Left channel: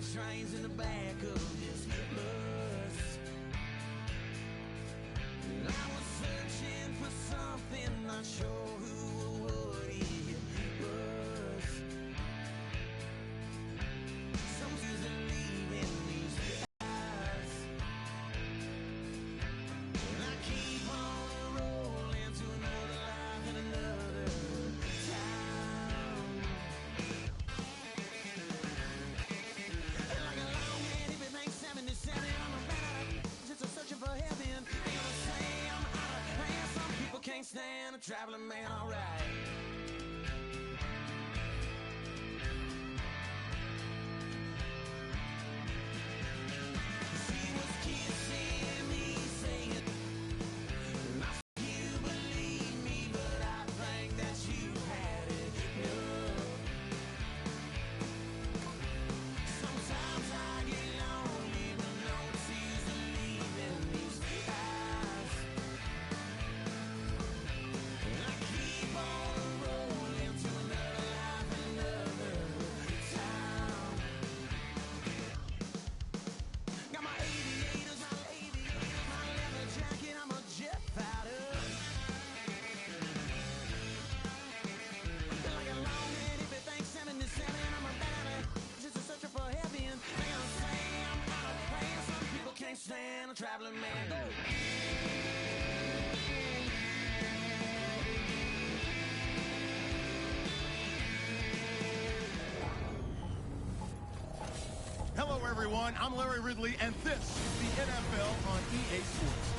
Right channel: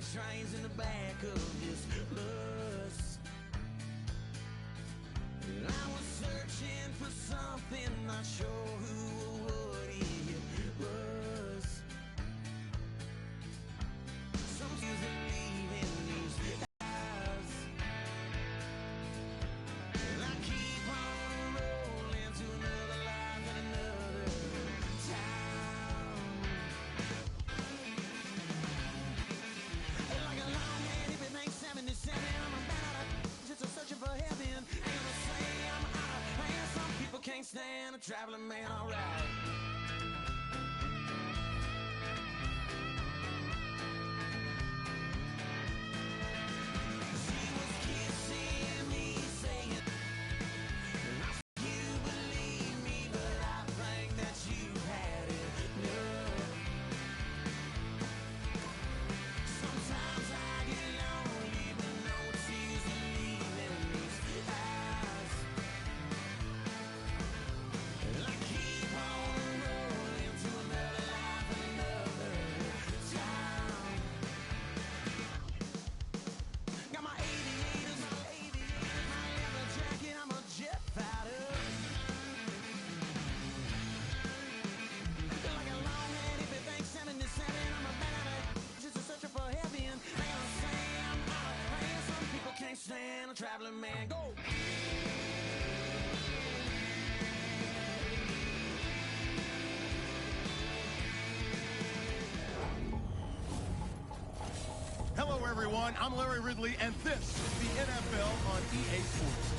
trains in the back of this bus. I was searching for something, not sure who or what it was. Some tears are leaving these eyes, and I keep on rolling to another life and another town. Like a long-headed big bang 77, I'm a bad just a searching for heaven. Ain't gonna say I'm out of hand. Some people can't stand a traveling man, alright. She was kissing me, saying, I think you believe me, but I think that you had it enough. Sometimes I get lonely, but no tears are leaving these eyes. And I keep on rolling to another life, another time. Got my aviators, my leather jacket, I'm a jet fighter. Like a long-headed big bang 77, I'm a bad just a searcher for heaven. They gonna say I'm out of hand. Some people can't stand a traveling man. Go! Hello, everyone. I'm Larry Ridley, and this is the NFL on EA Sports.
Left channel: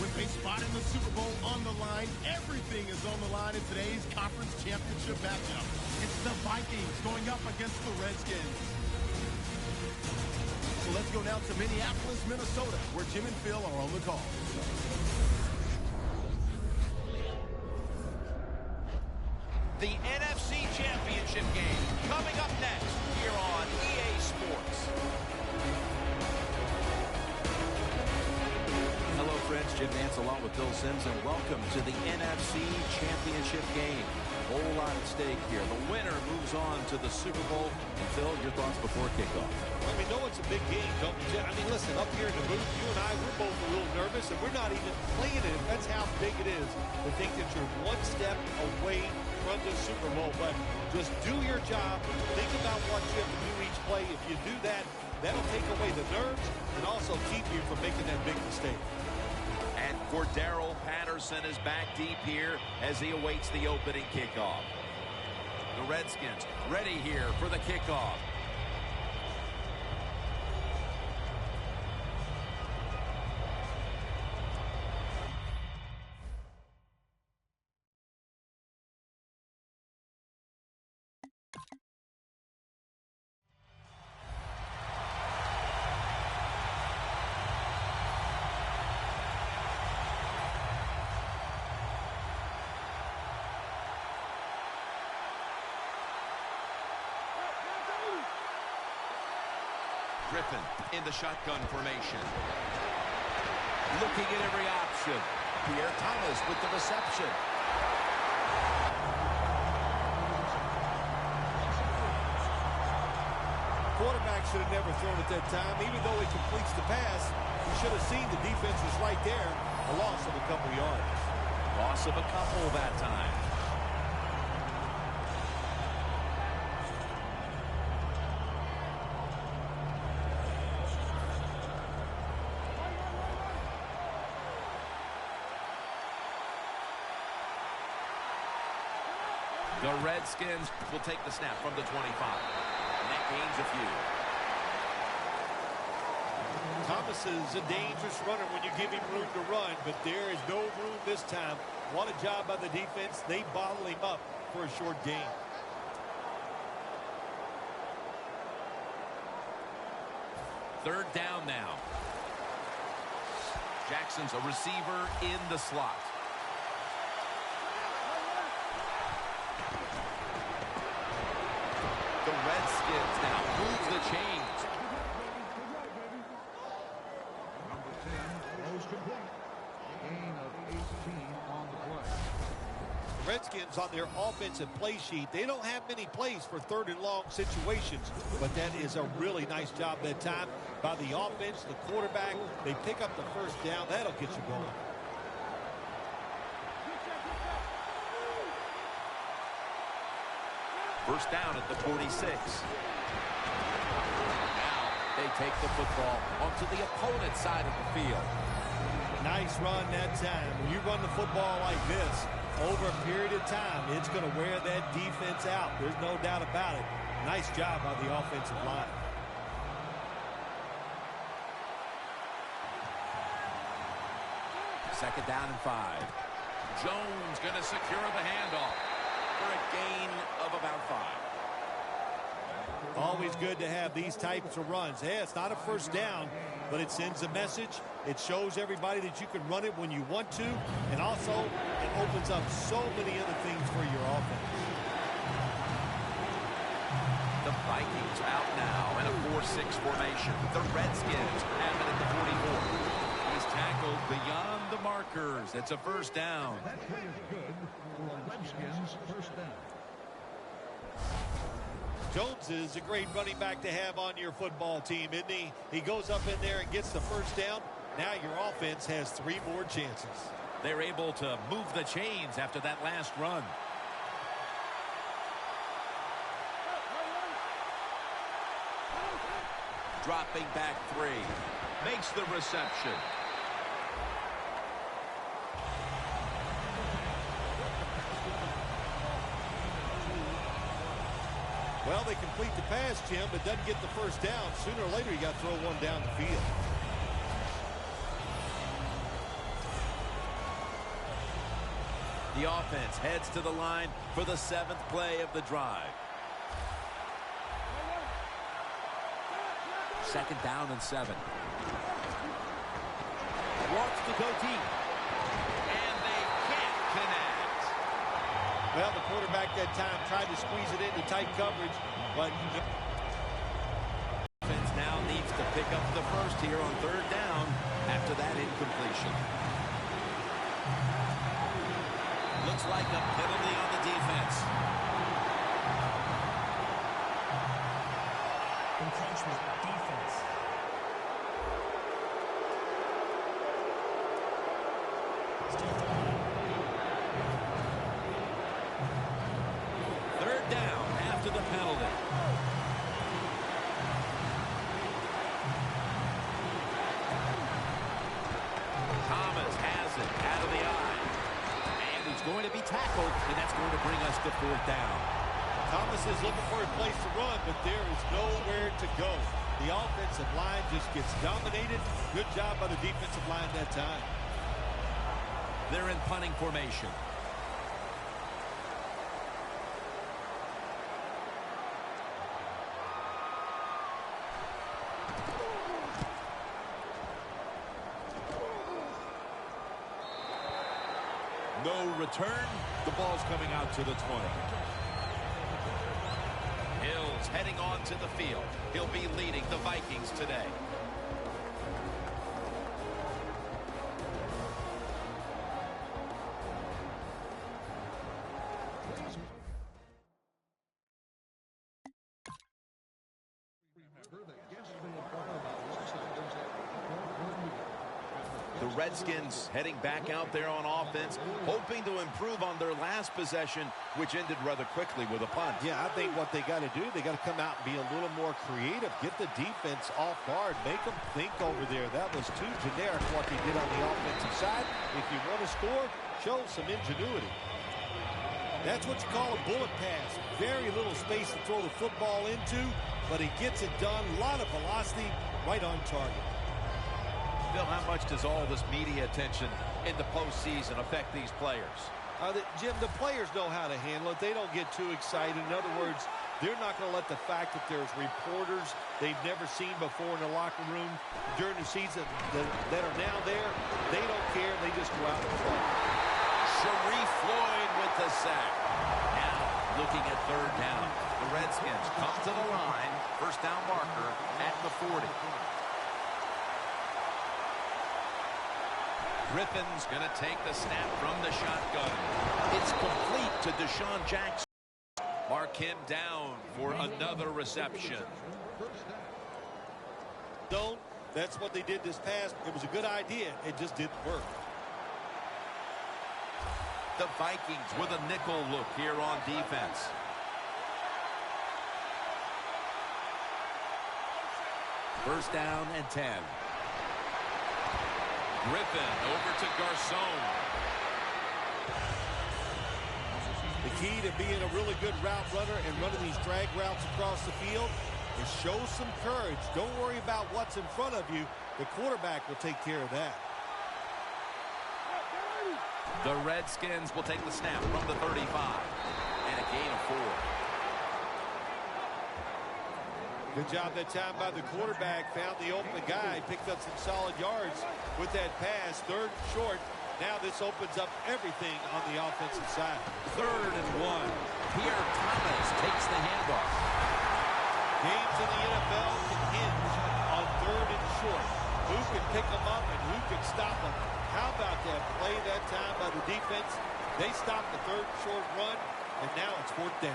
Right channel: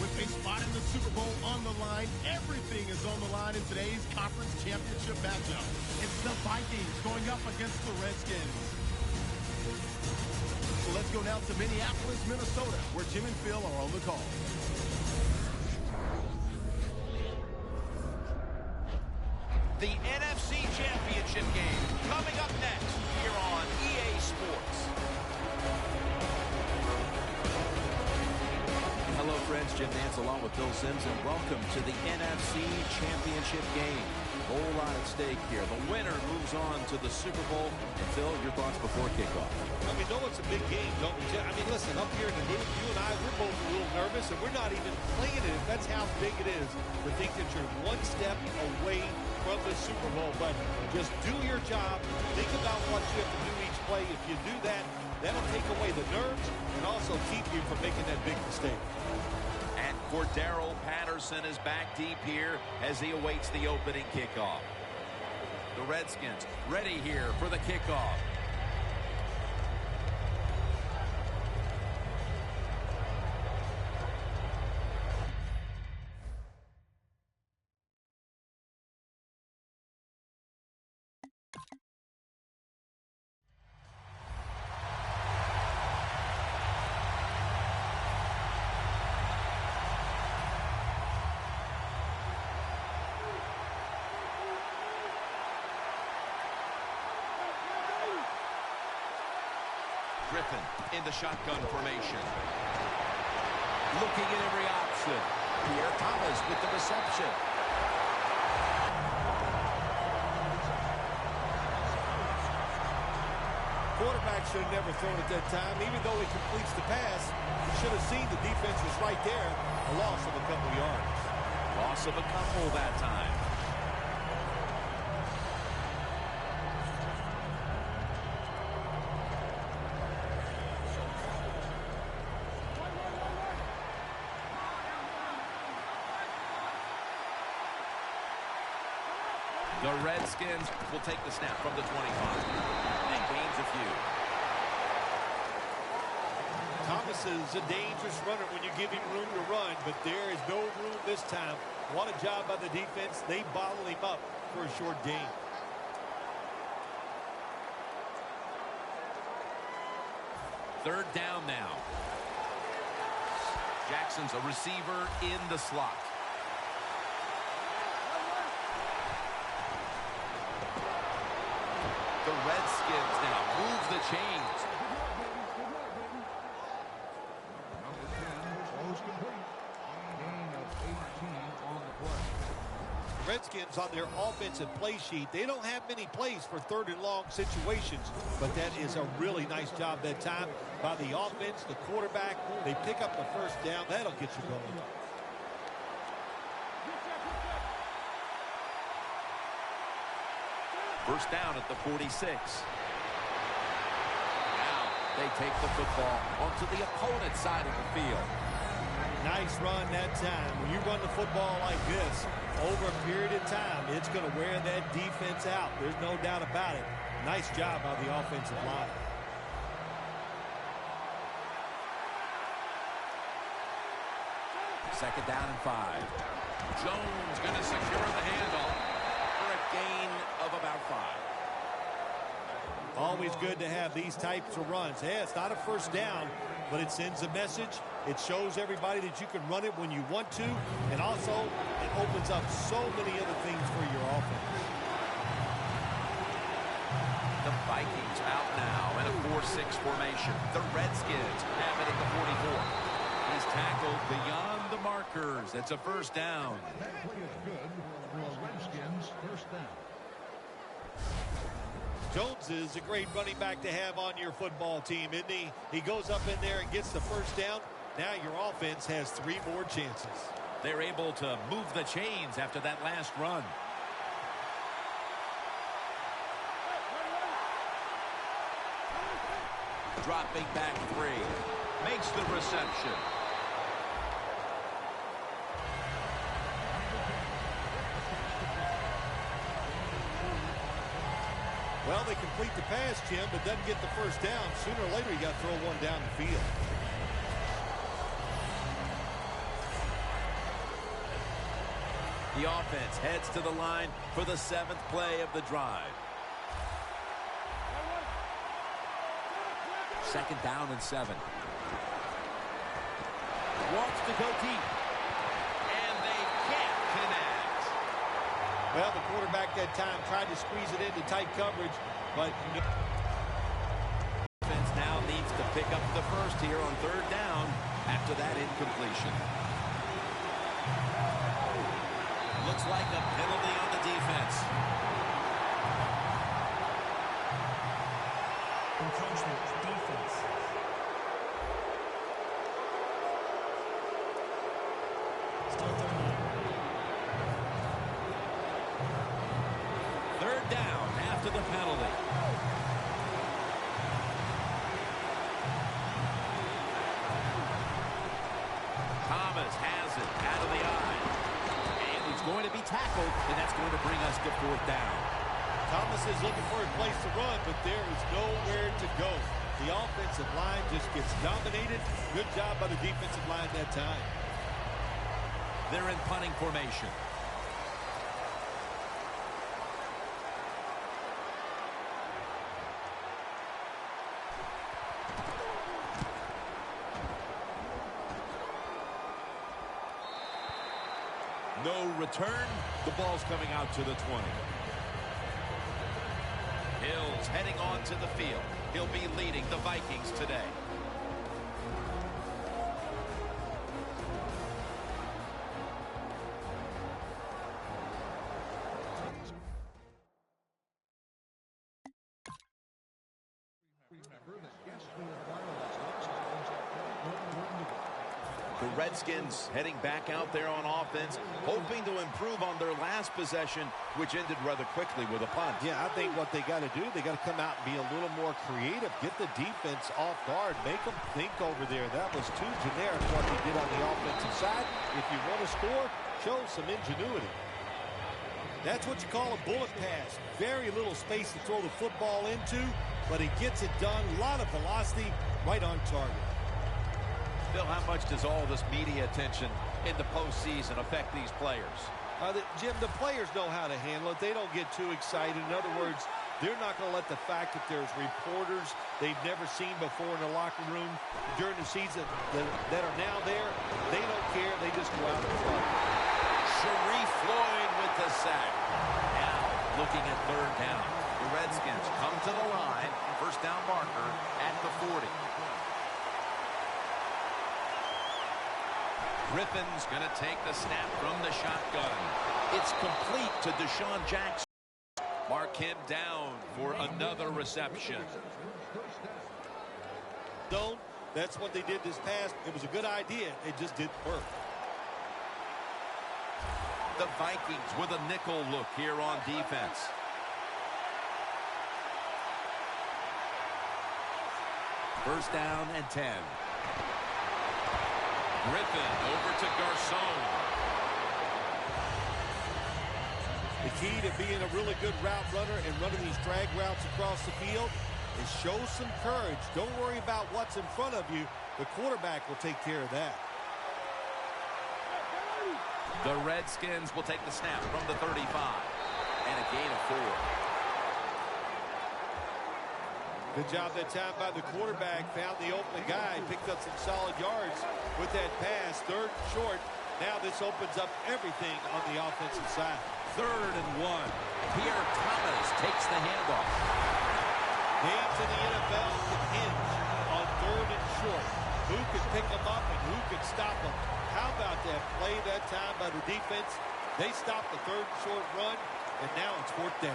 With a spot in the Super Bowl on the line, everything is on the line in today's conference championship matchup. It's the Vikings going up against the Redskins. So let's go now to Minneapolis, Minnesota, where Jim and Phil are on the call. The NFC Championship game coming up next here on EA Sports. Hello, friends. Jim Nance along with Bill Sims, and welcome to the NFC Championship game. Whole lot at stake here. The winner moves on to the Super Bowl. And Phil, your thoughts before kickoff? I mean, no, it's a big game, don't we? I mean, listen, up here in the booth, you and I, we're both a little nervous, and we're not even playing it. That's how big it is to think that you're one step away from the Super Bowl. But just do your job. Think about what you have to do each play. If you do that, that'll take away the nerves and also keep you from making that big mistake. And Cordero Patterson is back deep here as he awaits the opening kickoff. The Redskins ready here for the kickoff. Griffin in the shotgun formation. Looking at every option. Pierre Thomas with the reception. Quarterback should have never thrown at that time. Even though he completes the pass, he should have seen the defense was right there. A loss of a couple yards. Loss of a couple that time. The Redskins will take the snap from the 25. And gains a few. Thomas is a dangerous runner when you give him room to run, but there is no room this time. What a job by the defense. They bottle him up for a short gain. Third down now. Jackson's a receiver in the slot. The Redskins now move the chains. Redskins on their offensive play sheet, they don't have many plays for 3rd and long situations, but that is a really nice job that time by the offense, the quarterback. They pick up the first down. That'll get you going. First down at the 46. Now they take the football onto the opponent's side of the field. Nice run that time. When you run the football like this over a period of time, it's going to wear that defense out. There's no doubt about it. Nice job by the offensive line. Second down and 5. Jones going to secure the handoff for a gain of about 5. Always good to have these types of runs. Yeah, it's not a first down, but it sends a message. It shows everybody that you can run it when you want to, and also it opens up so many other things for your offense. The Vikings out now in a 4-6 formation. The Redskins have it at the 44. He's tackled beyond the markers. It's a first down. Jones is a great running back to have on your football team, isn't he? He goes up in there and gets the first down. Now your offense has 3 more chances. They're able to move the chains after that last run. Dropping back 3. Makes the reception. Well, they complete the pass, Jim, but doesn't get the first down. Sooner or later, you got to throw one down the field. The offense heads to the line for the 7th play of the drive. Second down and 7. Wants to go deep. And they can't connect. Well, the quarterback that time tried to squeeze it into tight coverage, but Offense now needs to pick up the first here on 3rd down after that incompletion. Looks like a penalty on the defense. Encroachment, defense. Still 39. 3rd down after the penalty. Thomas has it out of the eye. And he's going to be tackled, and that's going to bring us to 4th down. Thomas is looking for a place to run, but there is nowhere to go. The offensive line just gets dominated. Good job by the defensive line that time. They're in punting formation. No return. The ball's coming out to the 20. Hill's heading on to the field. He'll be leading the Vikings today. The Redskins heading back out there on offense, hoping to improve on their last possession, which ended rather quickly with a punt. Yeah, I think what they got to do, they got to come out and be a little more creative. Get the defense off guard. Make them think over there. That was too generic what they did on the offensive side. If you want to score, show some ingenuity. That's what you call a bullet pass. Very little space to throw the football into, but he gets it done. A lot of velocity, right on target. Bill, how much does all this media attention in the postseason affect these players? Jim, the players know how to handle it. They don't get too excited. In other words, they're not going to let the fact that there's reporters they've never seen before in the locker room during the season that are now there. They don't care. They just go out and play. Sharif Floyd with the sack. Now looking at 3rd down. The Redskins come to the line. First down marker at the 40. Griffin's going to take the snap from the shotgun. It's complete. to Deshaun Jackson. Mark him down for another reception. That's what they did this pass. It was a good idea. It just didn't work. The Vikings with a nickel look here on defense. First down and 10. Griffin over to Garcon. The key to being a really good route runner and running these drag routes across the field is show some courage. Don't worry about what's in front of you. The quarterback will take care of that. The Redskins will take the snap from the 35. And a gain of 4. Good job that time by the quarterback. Found the open guy. Picked up some solid yards with that pass. Third and short. Now this opens up everything on the offensive side. 3rd and 1. Pierre Thomas takes the handoff. Games in the NFL can hinge on 3rd and short. Who can pick them up and who can stop them? How about that play that time by the defense? They stopped the 3rd and short run, and now it's 4th down.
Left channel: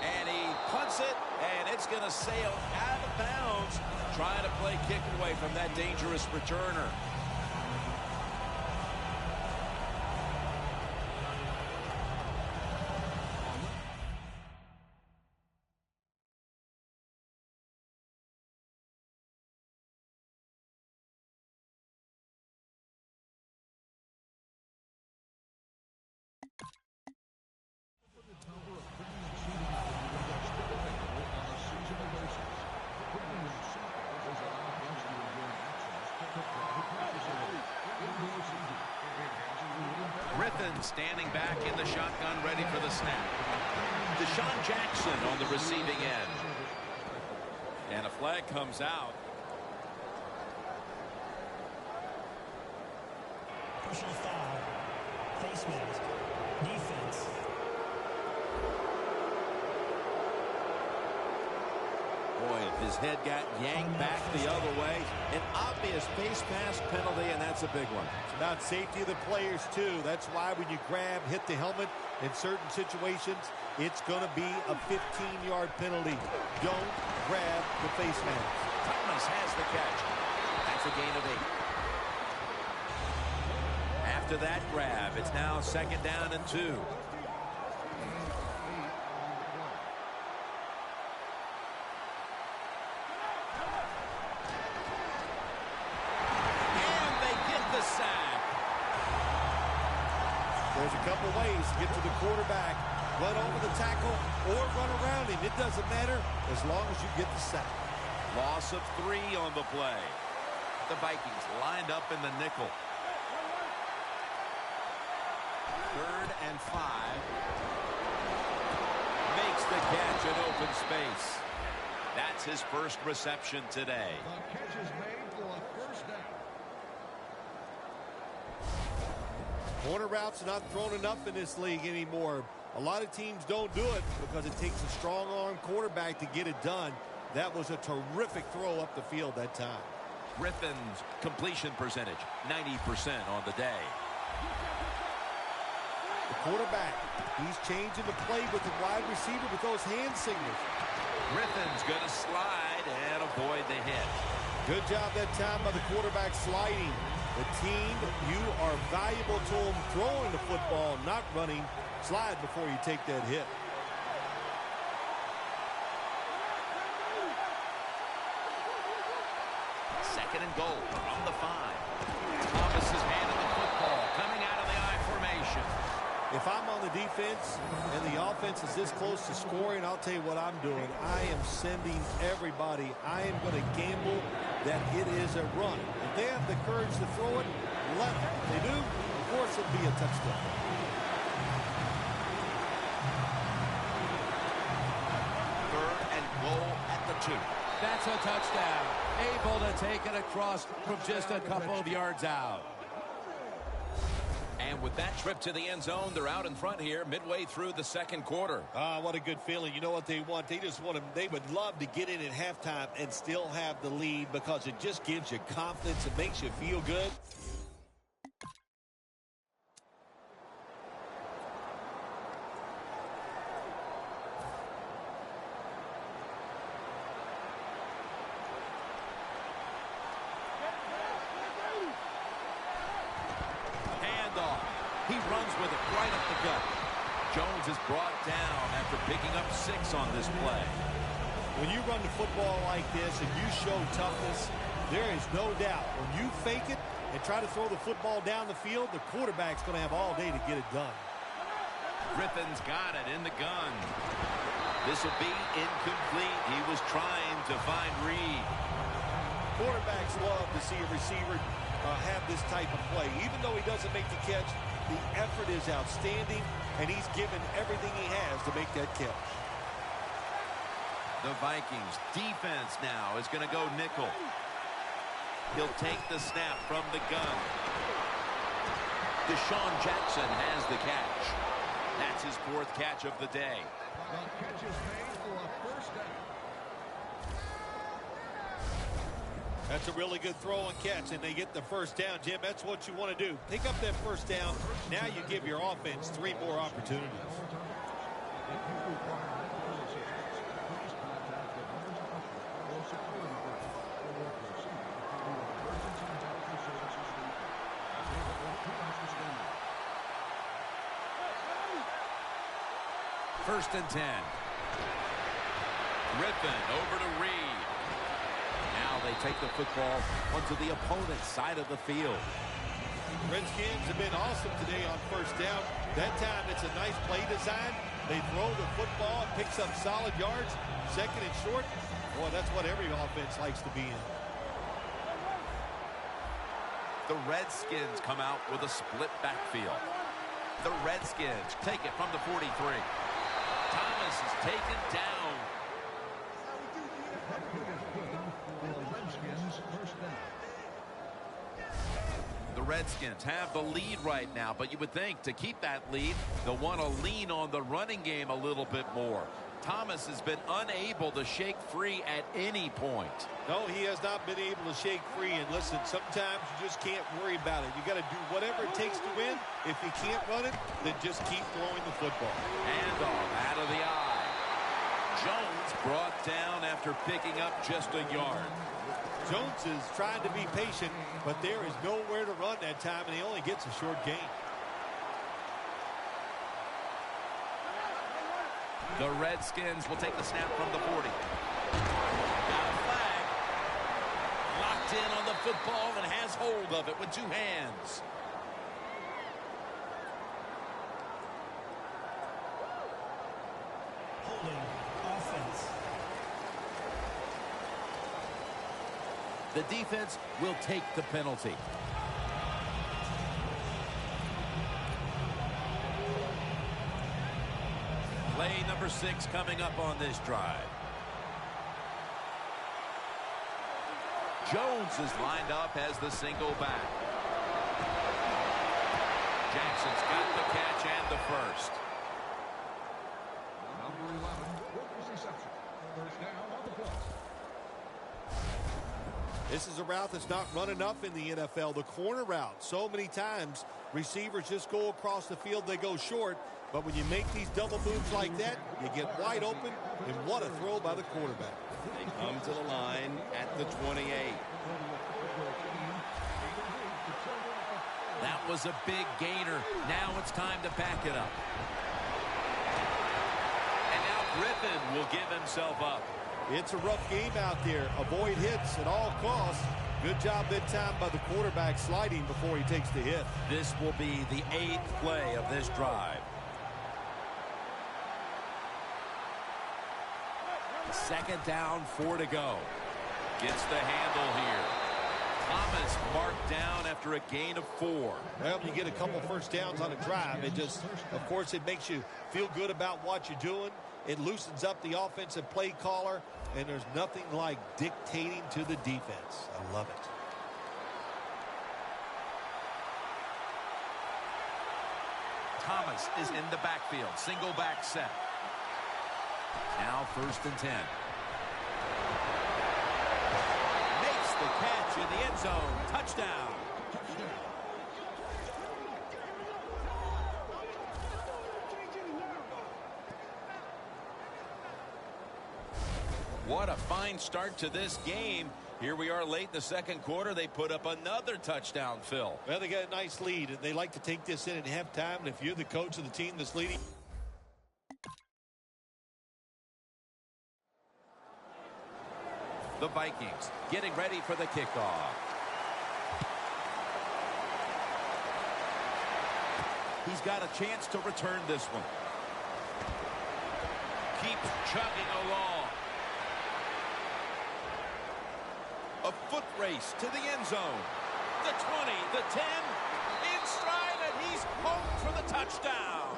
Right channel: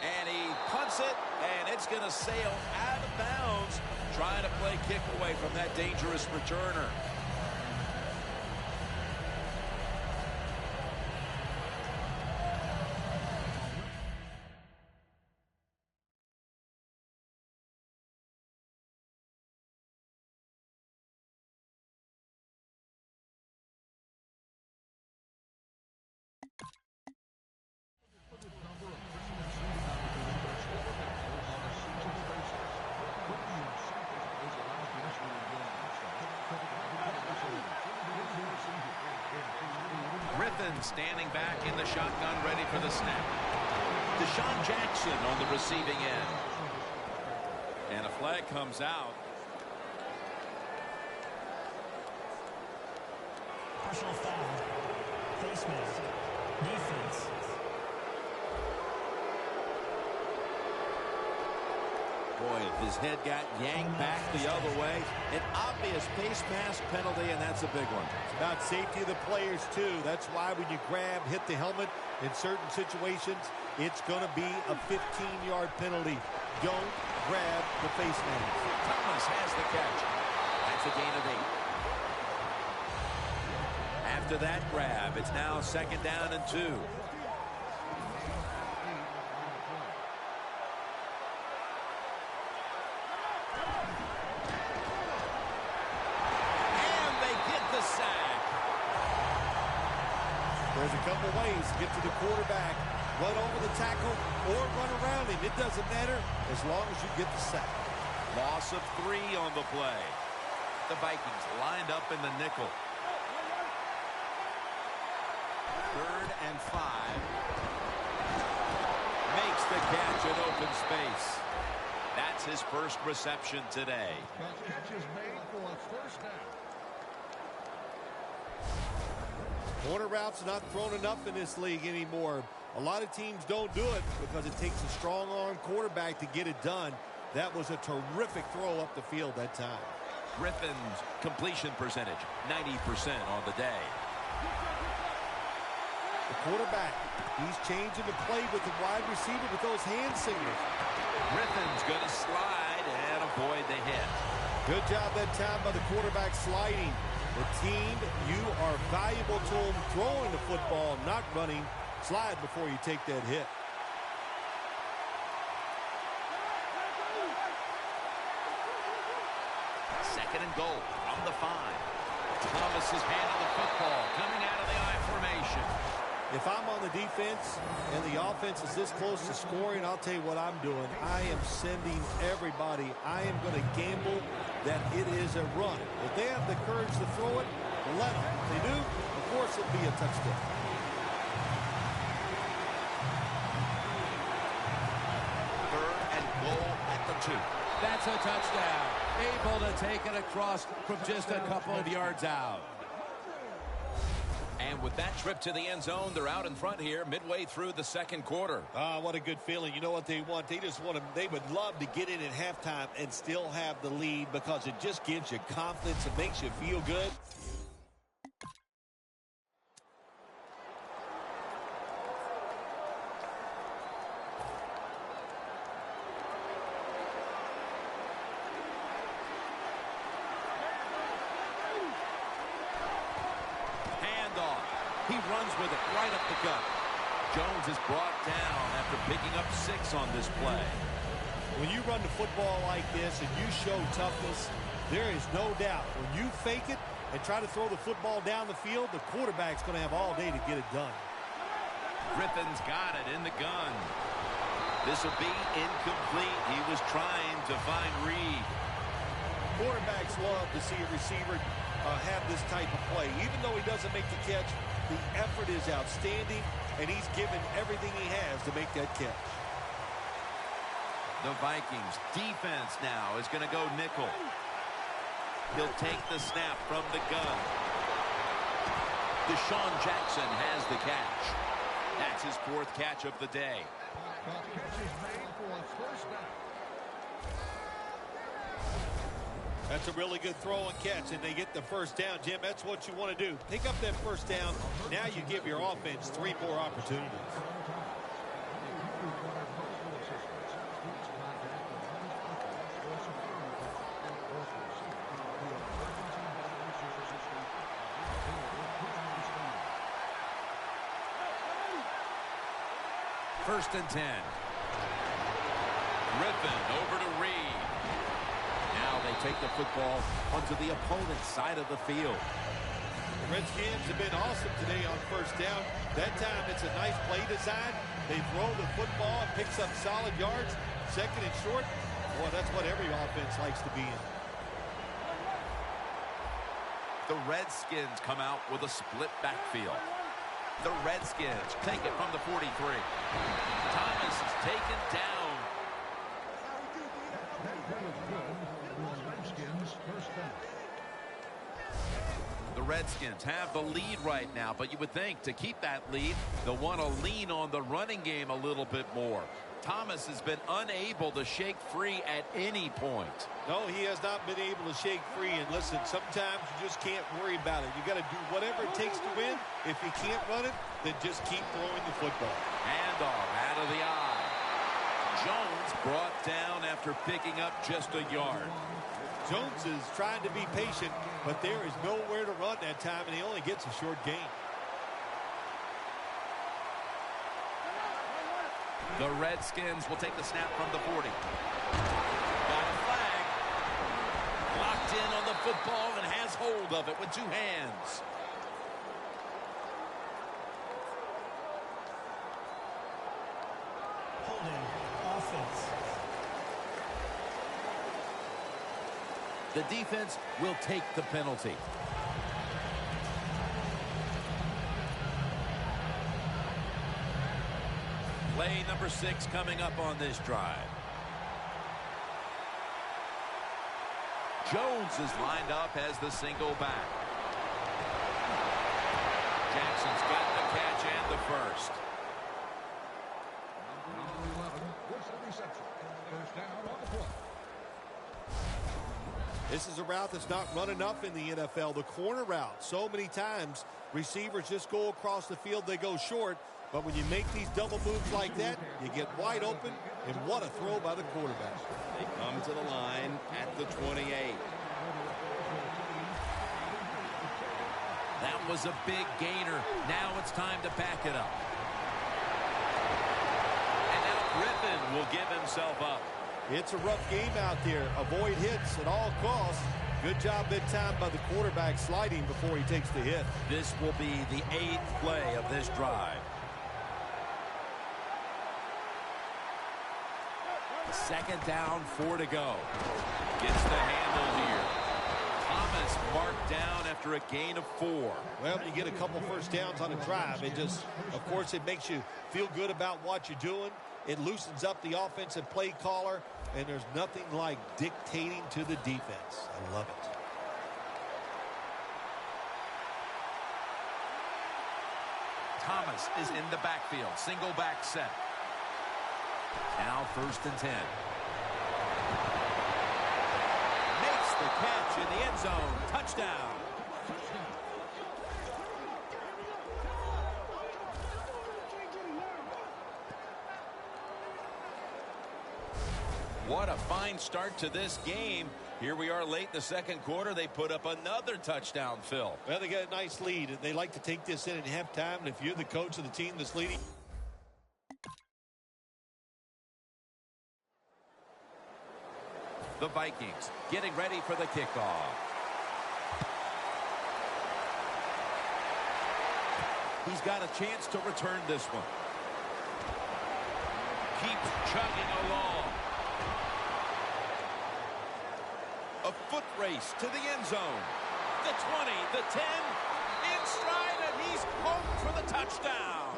And he punts it, and it's going to sail out of bounds, trying to play kick away from that dangerous returner. Griffin standing back in the shotgun, ready for the snap. Deshaun Jackson on the receiving end. And a flag comes out. Personal foul. Face mask. Defense. Boy, if his head got yanked back the other way, an obvious face mask penalty, and that's a big one. It's about safety of the players, too. That's why when you grab, hit the helmet in certain situations, it's going to be a 15-yard penalty. Don't grab the face mask. Thomas has the catch. That's a gain of 8. After that grab, it's now 2nd down and 2. Sack. There's a couple ways to get to the quarterback. Run over the tackle or run around him. It doesn't matter as long as you get the sack. Loss of 3 on the play. The Vikings lined up in the nickel. 3rd and 5. Makes the catch in open space. That's his first reception today. Corner routes are not thrown enough in this league anymore. A lot of teams don't do it because it takes a strong arm quarterback to get it done. That was a terrific throw up the field that time. Griffin's completion percentage, 90% on the day. The quarterback, he's changing the play with the wide receiver with those hand signals. Griffin's going to slide and avoid the hit. Good job that time by the quarterback sliding. The team, you are valuable to them throwing the football, not running. Slide before you take that hit. Second and goal from the 5. Thomas has handed the football coming out of the I formation. If I'm on the defense and the offense is this close to scoring, I'll tell you what I'm doing. I am sending everybody. I am going to gamble that it is a run. If they have the courage to throw it, let them. If they do, of course it'll be a touchdown. Third and goal at the 2. That's a touchdown. Able to take it across from just a couple of yards out. And with that trip to the end zone, they're out in front here midway through the second quarter. What a good feeling. You know what they want? They just want to, they would love to get in at halftime and still have the lead because it just gives you confidence. It makes you feel good. He runs with it right up the gut. Jones is brought down after picking up 6 on this play. When you run the football like this and you show toughness, there is no doubt when you fake it and try to throw the football down the field, the quarterback's going to have all day to get it done. Griffin's got it in the gun. This will be incomplete. He was trying to find Reed. Quarterbacks love to see a receiver have this type of play. Even though he doesn't make the catch, the effort is outstanding, and he's given everything he has to make that catch. The Vikings defense now is going to go nickel. He'll take the snap from the gun. Deshaun Jackson has the catch. That's his 4th catch of the day. That's a really good throw and catch, and they get the first down, Jim. That's what you want to do. Pick up that first down. Now you give your offense 3 more opportunities. First and 10. Griffin over to Reed. Now they take the football onto the opponent's side of the field. Redskins have been awesome today on first down. That time it's a nice play design. They throw the football and picks up solid yards. Second and short. Boy, that's what every offense likes to be in. The Redskins come out with a split backfield. The Redskins take it from the 43. Thomas is taken down. The Redskins have the lead right now, but you would think to keep that lead, they'll want to lean on the running game a little bit more. Thomas has been unable to shake free at any point. No, he has not been able to shake free. And listen, sometimes you just can't worry about it. You got to do whatever it takes to win. If you can't run it, then just keep throwing the football. Handoff out of the eye. Jones brought down after picking up just a yard. Jones is trying to be patient, but there is nowhere to run that time, and he only gets a short gain. The Redskins will take the snap from the 40. Got a flag. Locked in on the football and has hold of it with 2 hands. Holding offense. The defense will take the penalty. Play number 6 coming up on this drive. Jones is lined up as the single back. Jackson's got the catch and the first. This is a route that's not run enough in the NFL, the corner route. So many times, receivers just go across the field, they go short. But when you make these double moves like that, you get wide open, and what a throw by the quarterback. They come to the line at the 28. That was a big gainer. Now it's time to back it up. And now Griffin will give himself up. It's a rough game out there. Avoid hits at all costs. Good job that time by the quarterback sliding before he takes the hit. This will be the 8th play of this drive. Second down, 4 to go. Gets the handle here. Thomas marked down after a gain of 4. Well, when you get a couple first downs on a drive, it just, of course, it makes you feel good about what you're doing. It loosens up the offensive play caller, and there's nothing like dictating to the defense. I love it. Thomas is in the backfield. Single back set. Now 1st and 10. Makes the catch in the end zone. Touchdown. What a fine start to this game. Here we are late in the second quarter. They put up another touchdown, Phil. Well, they got a nice lead, and they like to take this in at halftime. And if you're the coach of the team that's leading. The Vikings getting ready for the kickoff. He's got a chance to return this one. Keeps chugging along. A foot race to the end zone. The 20, the 10, in stride, and he's home for the touchdown.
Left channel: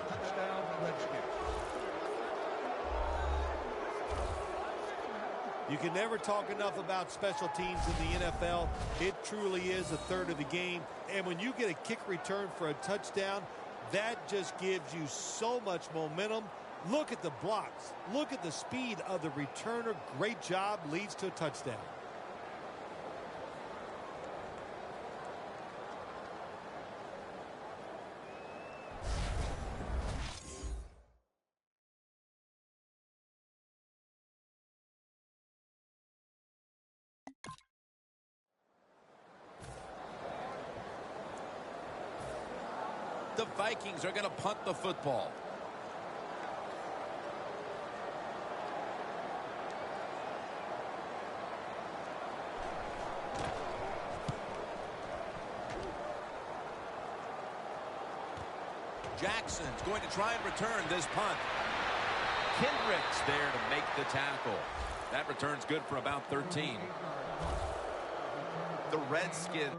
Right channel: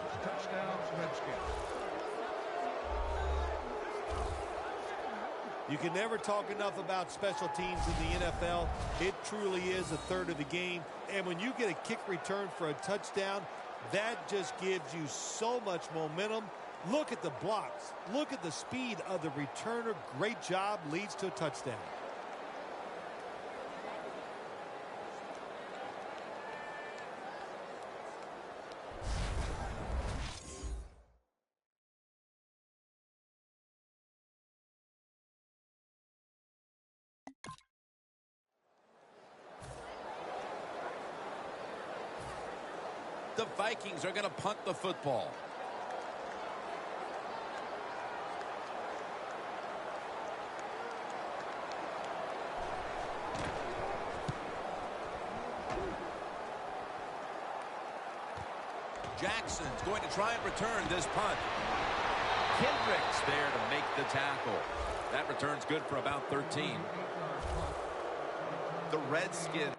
You can never talk enough about special teams in the NFL. It truly is a third of the game. And when you get a kick return for a touchdown, that just gives you so much momentum. Look at the blocks. Look at the speed of the returner. Great job. Leads to a touchdown. The Vikings are going to punt the football. Jackson's going to try and return this punt. Kendrick's there to make the tackle. That return's good for about 13. The Redskins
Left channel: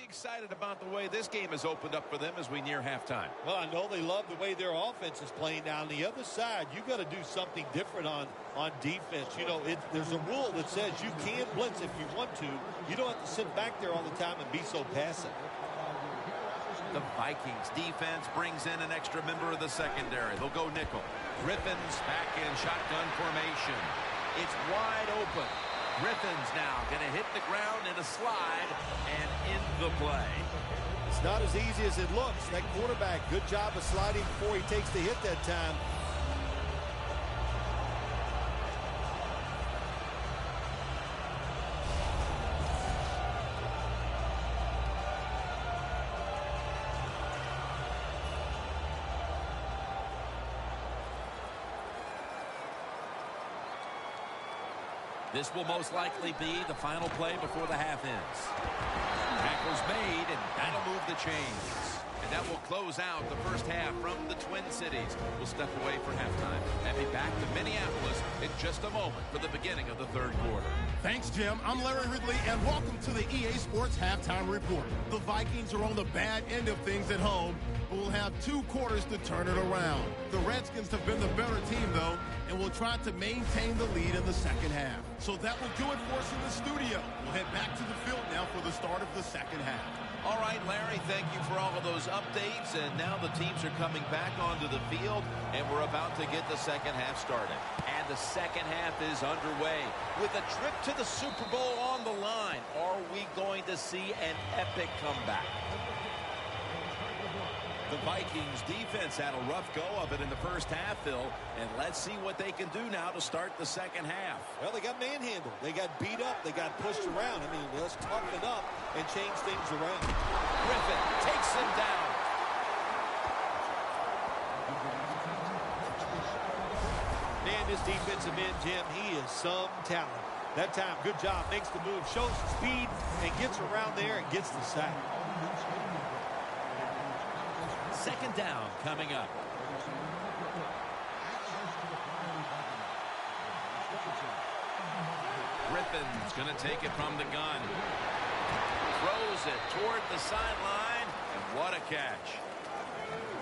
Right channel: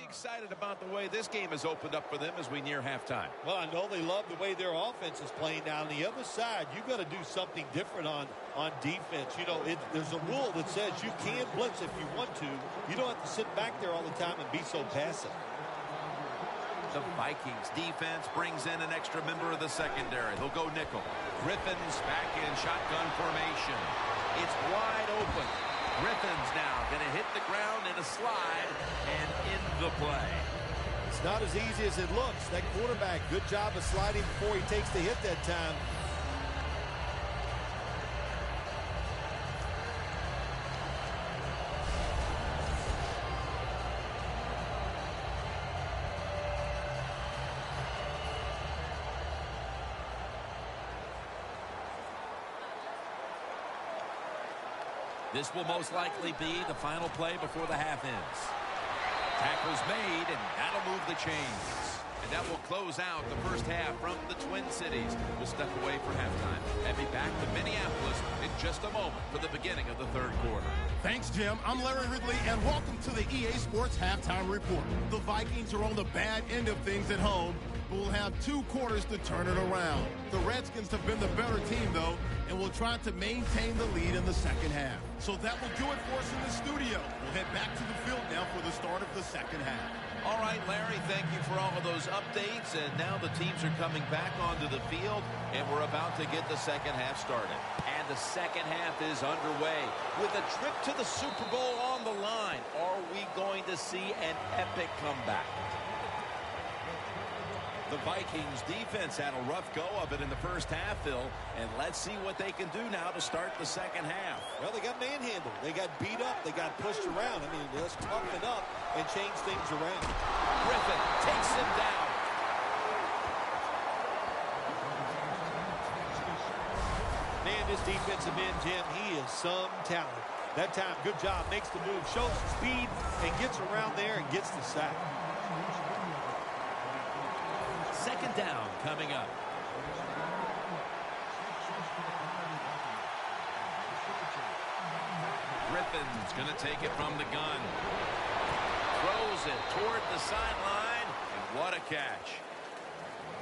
pretty excited about the way this game has opened up for them as we near halftime. Well, I know they love the way their offense is playing. Now, on the other side, you got to do something different on defense. You know, there's a rule that says you can blitz if you want to. You don't have to sit back there all the time and be so passive. The Vikings defense brings in an extra member of the secondary. They'll go nickel. Griffin's back in shotgun formation. It's wide open. Griffin's now going to hit the ground in a slide and in the play. It's not as easy as it looks. That quarterback, good job of sliding before he takes the hit that time. This will most likely be the final play before the half ends. Tackle's made, and that'll move the chains. And that will close out the first half from the Twin Cities. We'll step away for halftime and be back to Minneapolis in just a moment for the beginning of the third quarter. Thanks, Jim. I'm Larry Ridley, and welcome to the EA Sports Halftime Report. The Vikings are on the bad end of things at home, but will have 2 quarters to turn it around. The Redskins have been the better team, though, and will try to maintain the lead in the second half. So that will do it for us in the studio. We'll head back to the field now for the start of the second half. All right, Larry, thank you for all of those updates. And now the teams are coming back onto the field, and we're about to get the second half started. And the second half is underway with a trip to the Super Bowl on the line. Are we going to see an epic comeback? The Vikings defense had a rough go of it in the first half, Phil, and let's see what they can do now to start the second half. Well, they got manhandled. They got beat up. They got pushed around. I mean, let's toughen up and change things around. Griffin takes him down. Man, this defensive end, Jim, he is some talent. That time, good job. Makes the move, shows speed, and gets around there and gets the sack. Second down coming up. Griffin's going to take it from the gun. Throws it toward the sideline, and what a catch.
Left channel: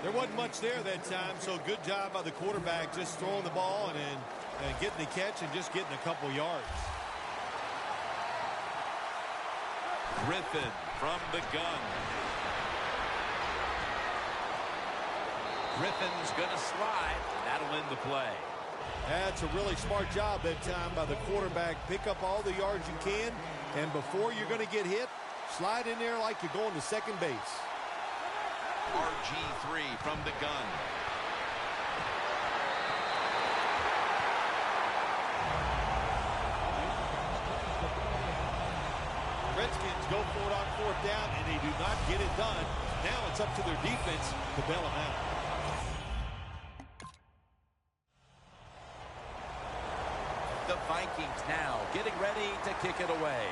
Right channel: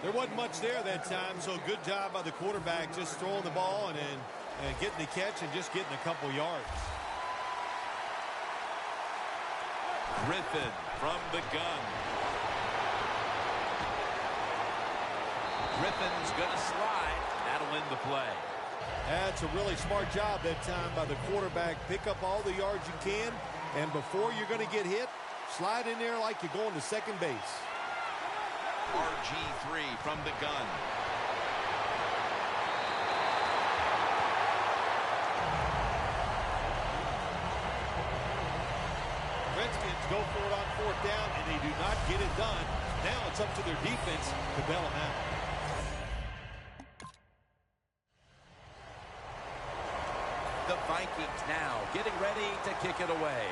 There wasn't much there that time, so good job by the quarterback just throwing the ball and getting the catch and just getting a couple yards. Griffin from the gun. Griffin's going to slide, and that'll end the play. That's a really smart job that time by the quarterback. Pick up all the yards you can, and before you're going to get hit, slide in there like you're going to second base. RG3 from the gun. Redskins go for it on fourth down, and they do not get it done. Now it's up to their defense to bail them out. The Vikings now getting ready to kick it away.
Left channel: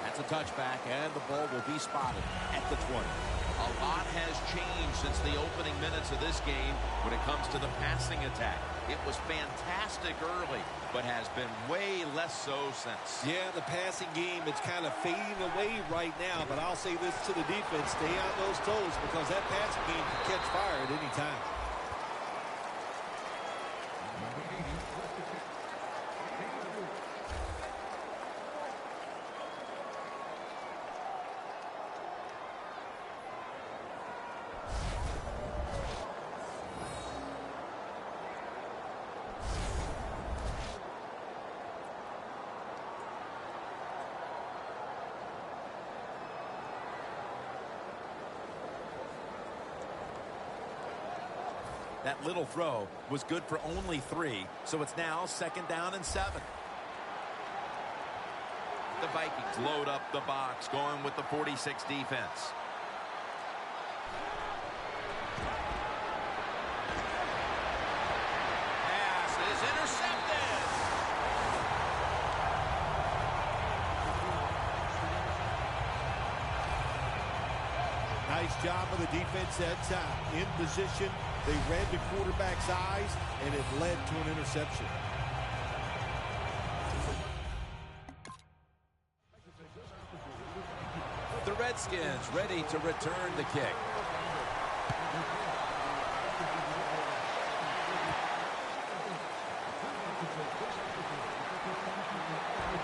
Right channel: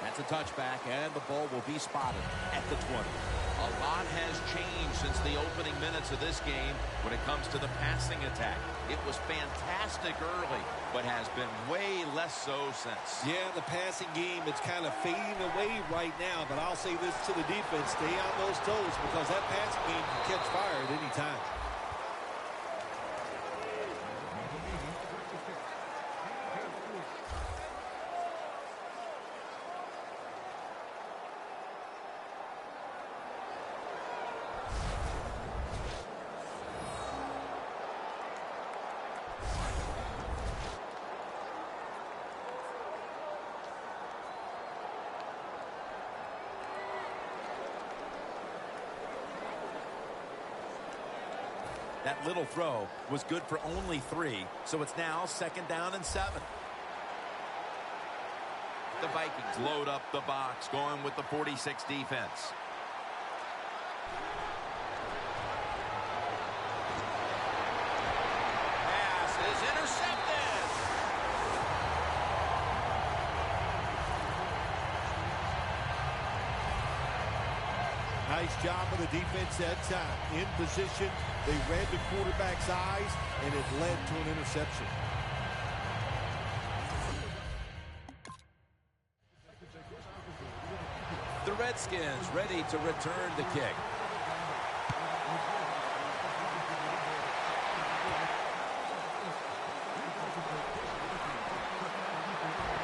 That's a touchback, and the ball will be spotted at the 20. A lot has changed since the opening minutes of this game when it comes to the passing attack. It was fantastic early, but has been way less so since. Yeah, the passing game, it's kind of fading away right now, but I'll say this to the defense, stay on those toes because that passing game can catch fire at any time. That little throw was good for only 3, so it's now 2nd down and 7. The Vikings load up the box, going with the 46 defense. Pass is intercepted. Nice job of the defense that time. In position, they read the quarterback's eyes, and it led to an interception. The Redskins ready to return the kick.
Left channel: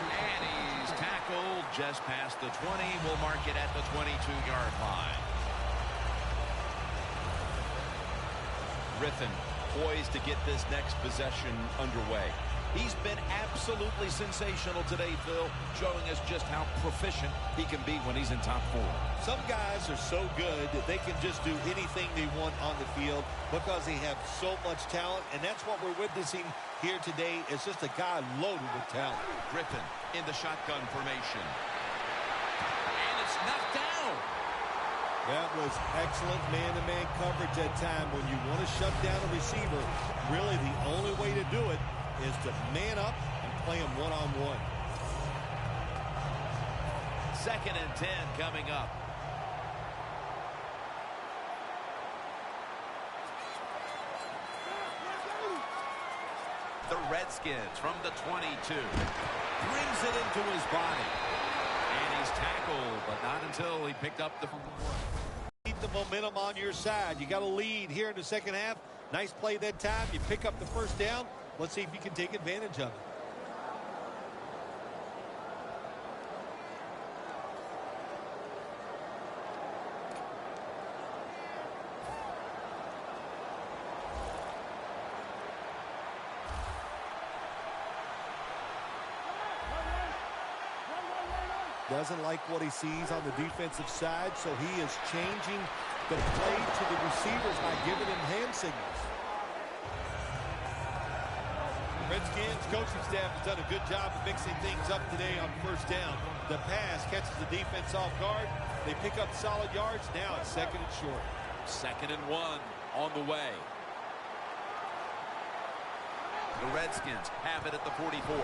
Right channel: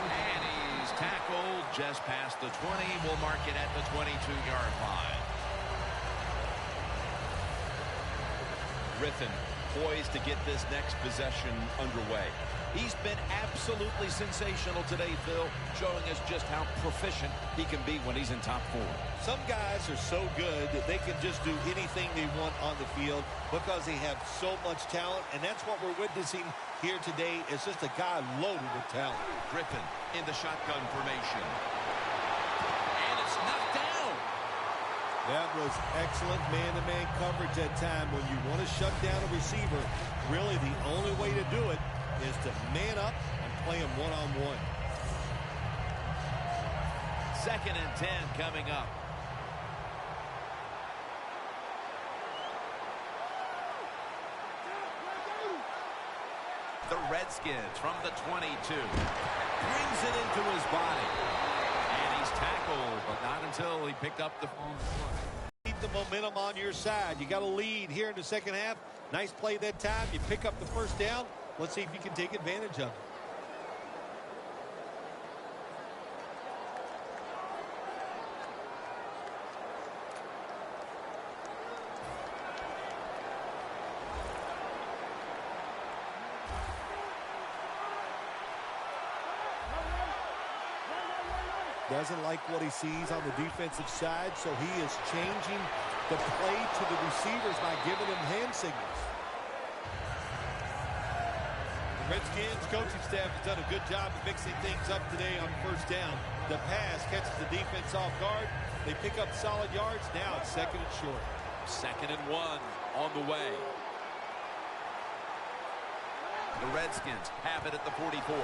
And he's tackled just past the 20. We'll mark it at the 22-yard line. Griffin poised to get this next possession underway. He's been absolutely sensational today, Phil, showing us just how proficient he can be when he's in top form. Some guys are so good that they can just do anything they want on the field because they have so much talent, and that's what we're witnessing here today. It's just a guy loaded with talent. Griffin in the shotgun formation. And it's knocked down. That was excellent man-to-man coverage that time. When you want to shut down a receiver, really the only way to do it is to man up and play him one-on-one. 2nd and 10 coming up. The Redskins from the 22. Brings it into his body. And he's tackled, but not until he picked up the... Keep the momentum on your side. You got a lead here in the second half. Nice play that time. You pick up the first down. Let's see if you can take advantage of it. Doesn't like what he sees on the defensive side, so he is changing the play to the receivers by giving him hand signals. The Redskins coaching staff has done a good job of mixing things up today on first down. The pass catches the defense off guard. They pick up solid yards. Now it's 2nd and short. 2nd and 1 on the way. The Redskins have it at the 44.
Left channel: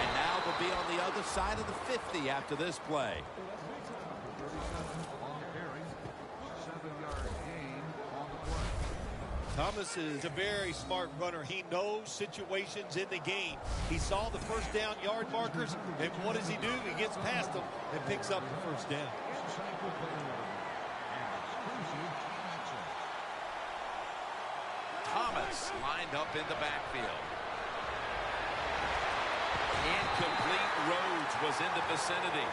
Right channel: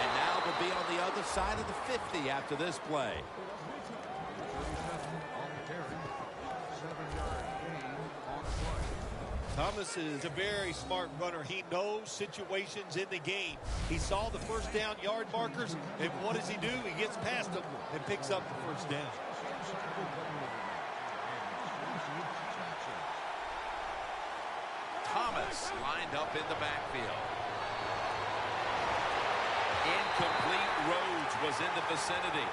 And now they'll be on the other side of the 50 after this play. Thomas is a very smart runner. He knows situations in the game. He saw the first down yard markers, and what does he do? He gets past them and picks up the first down. Thomas lined up in the backfield. Incomplete. Rhodes was in the vicinity.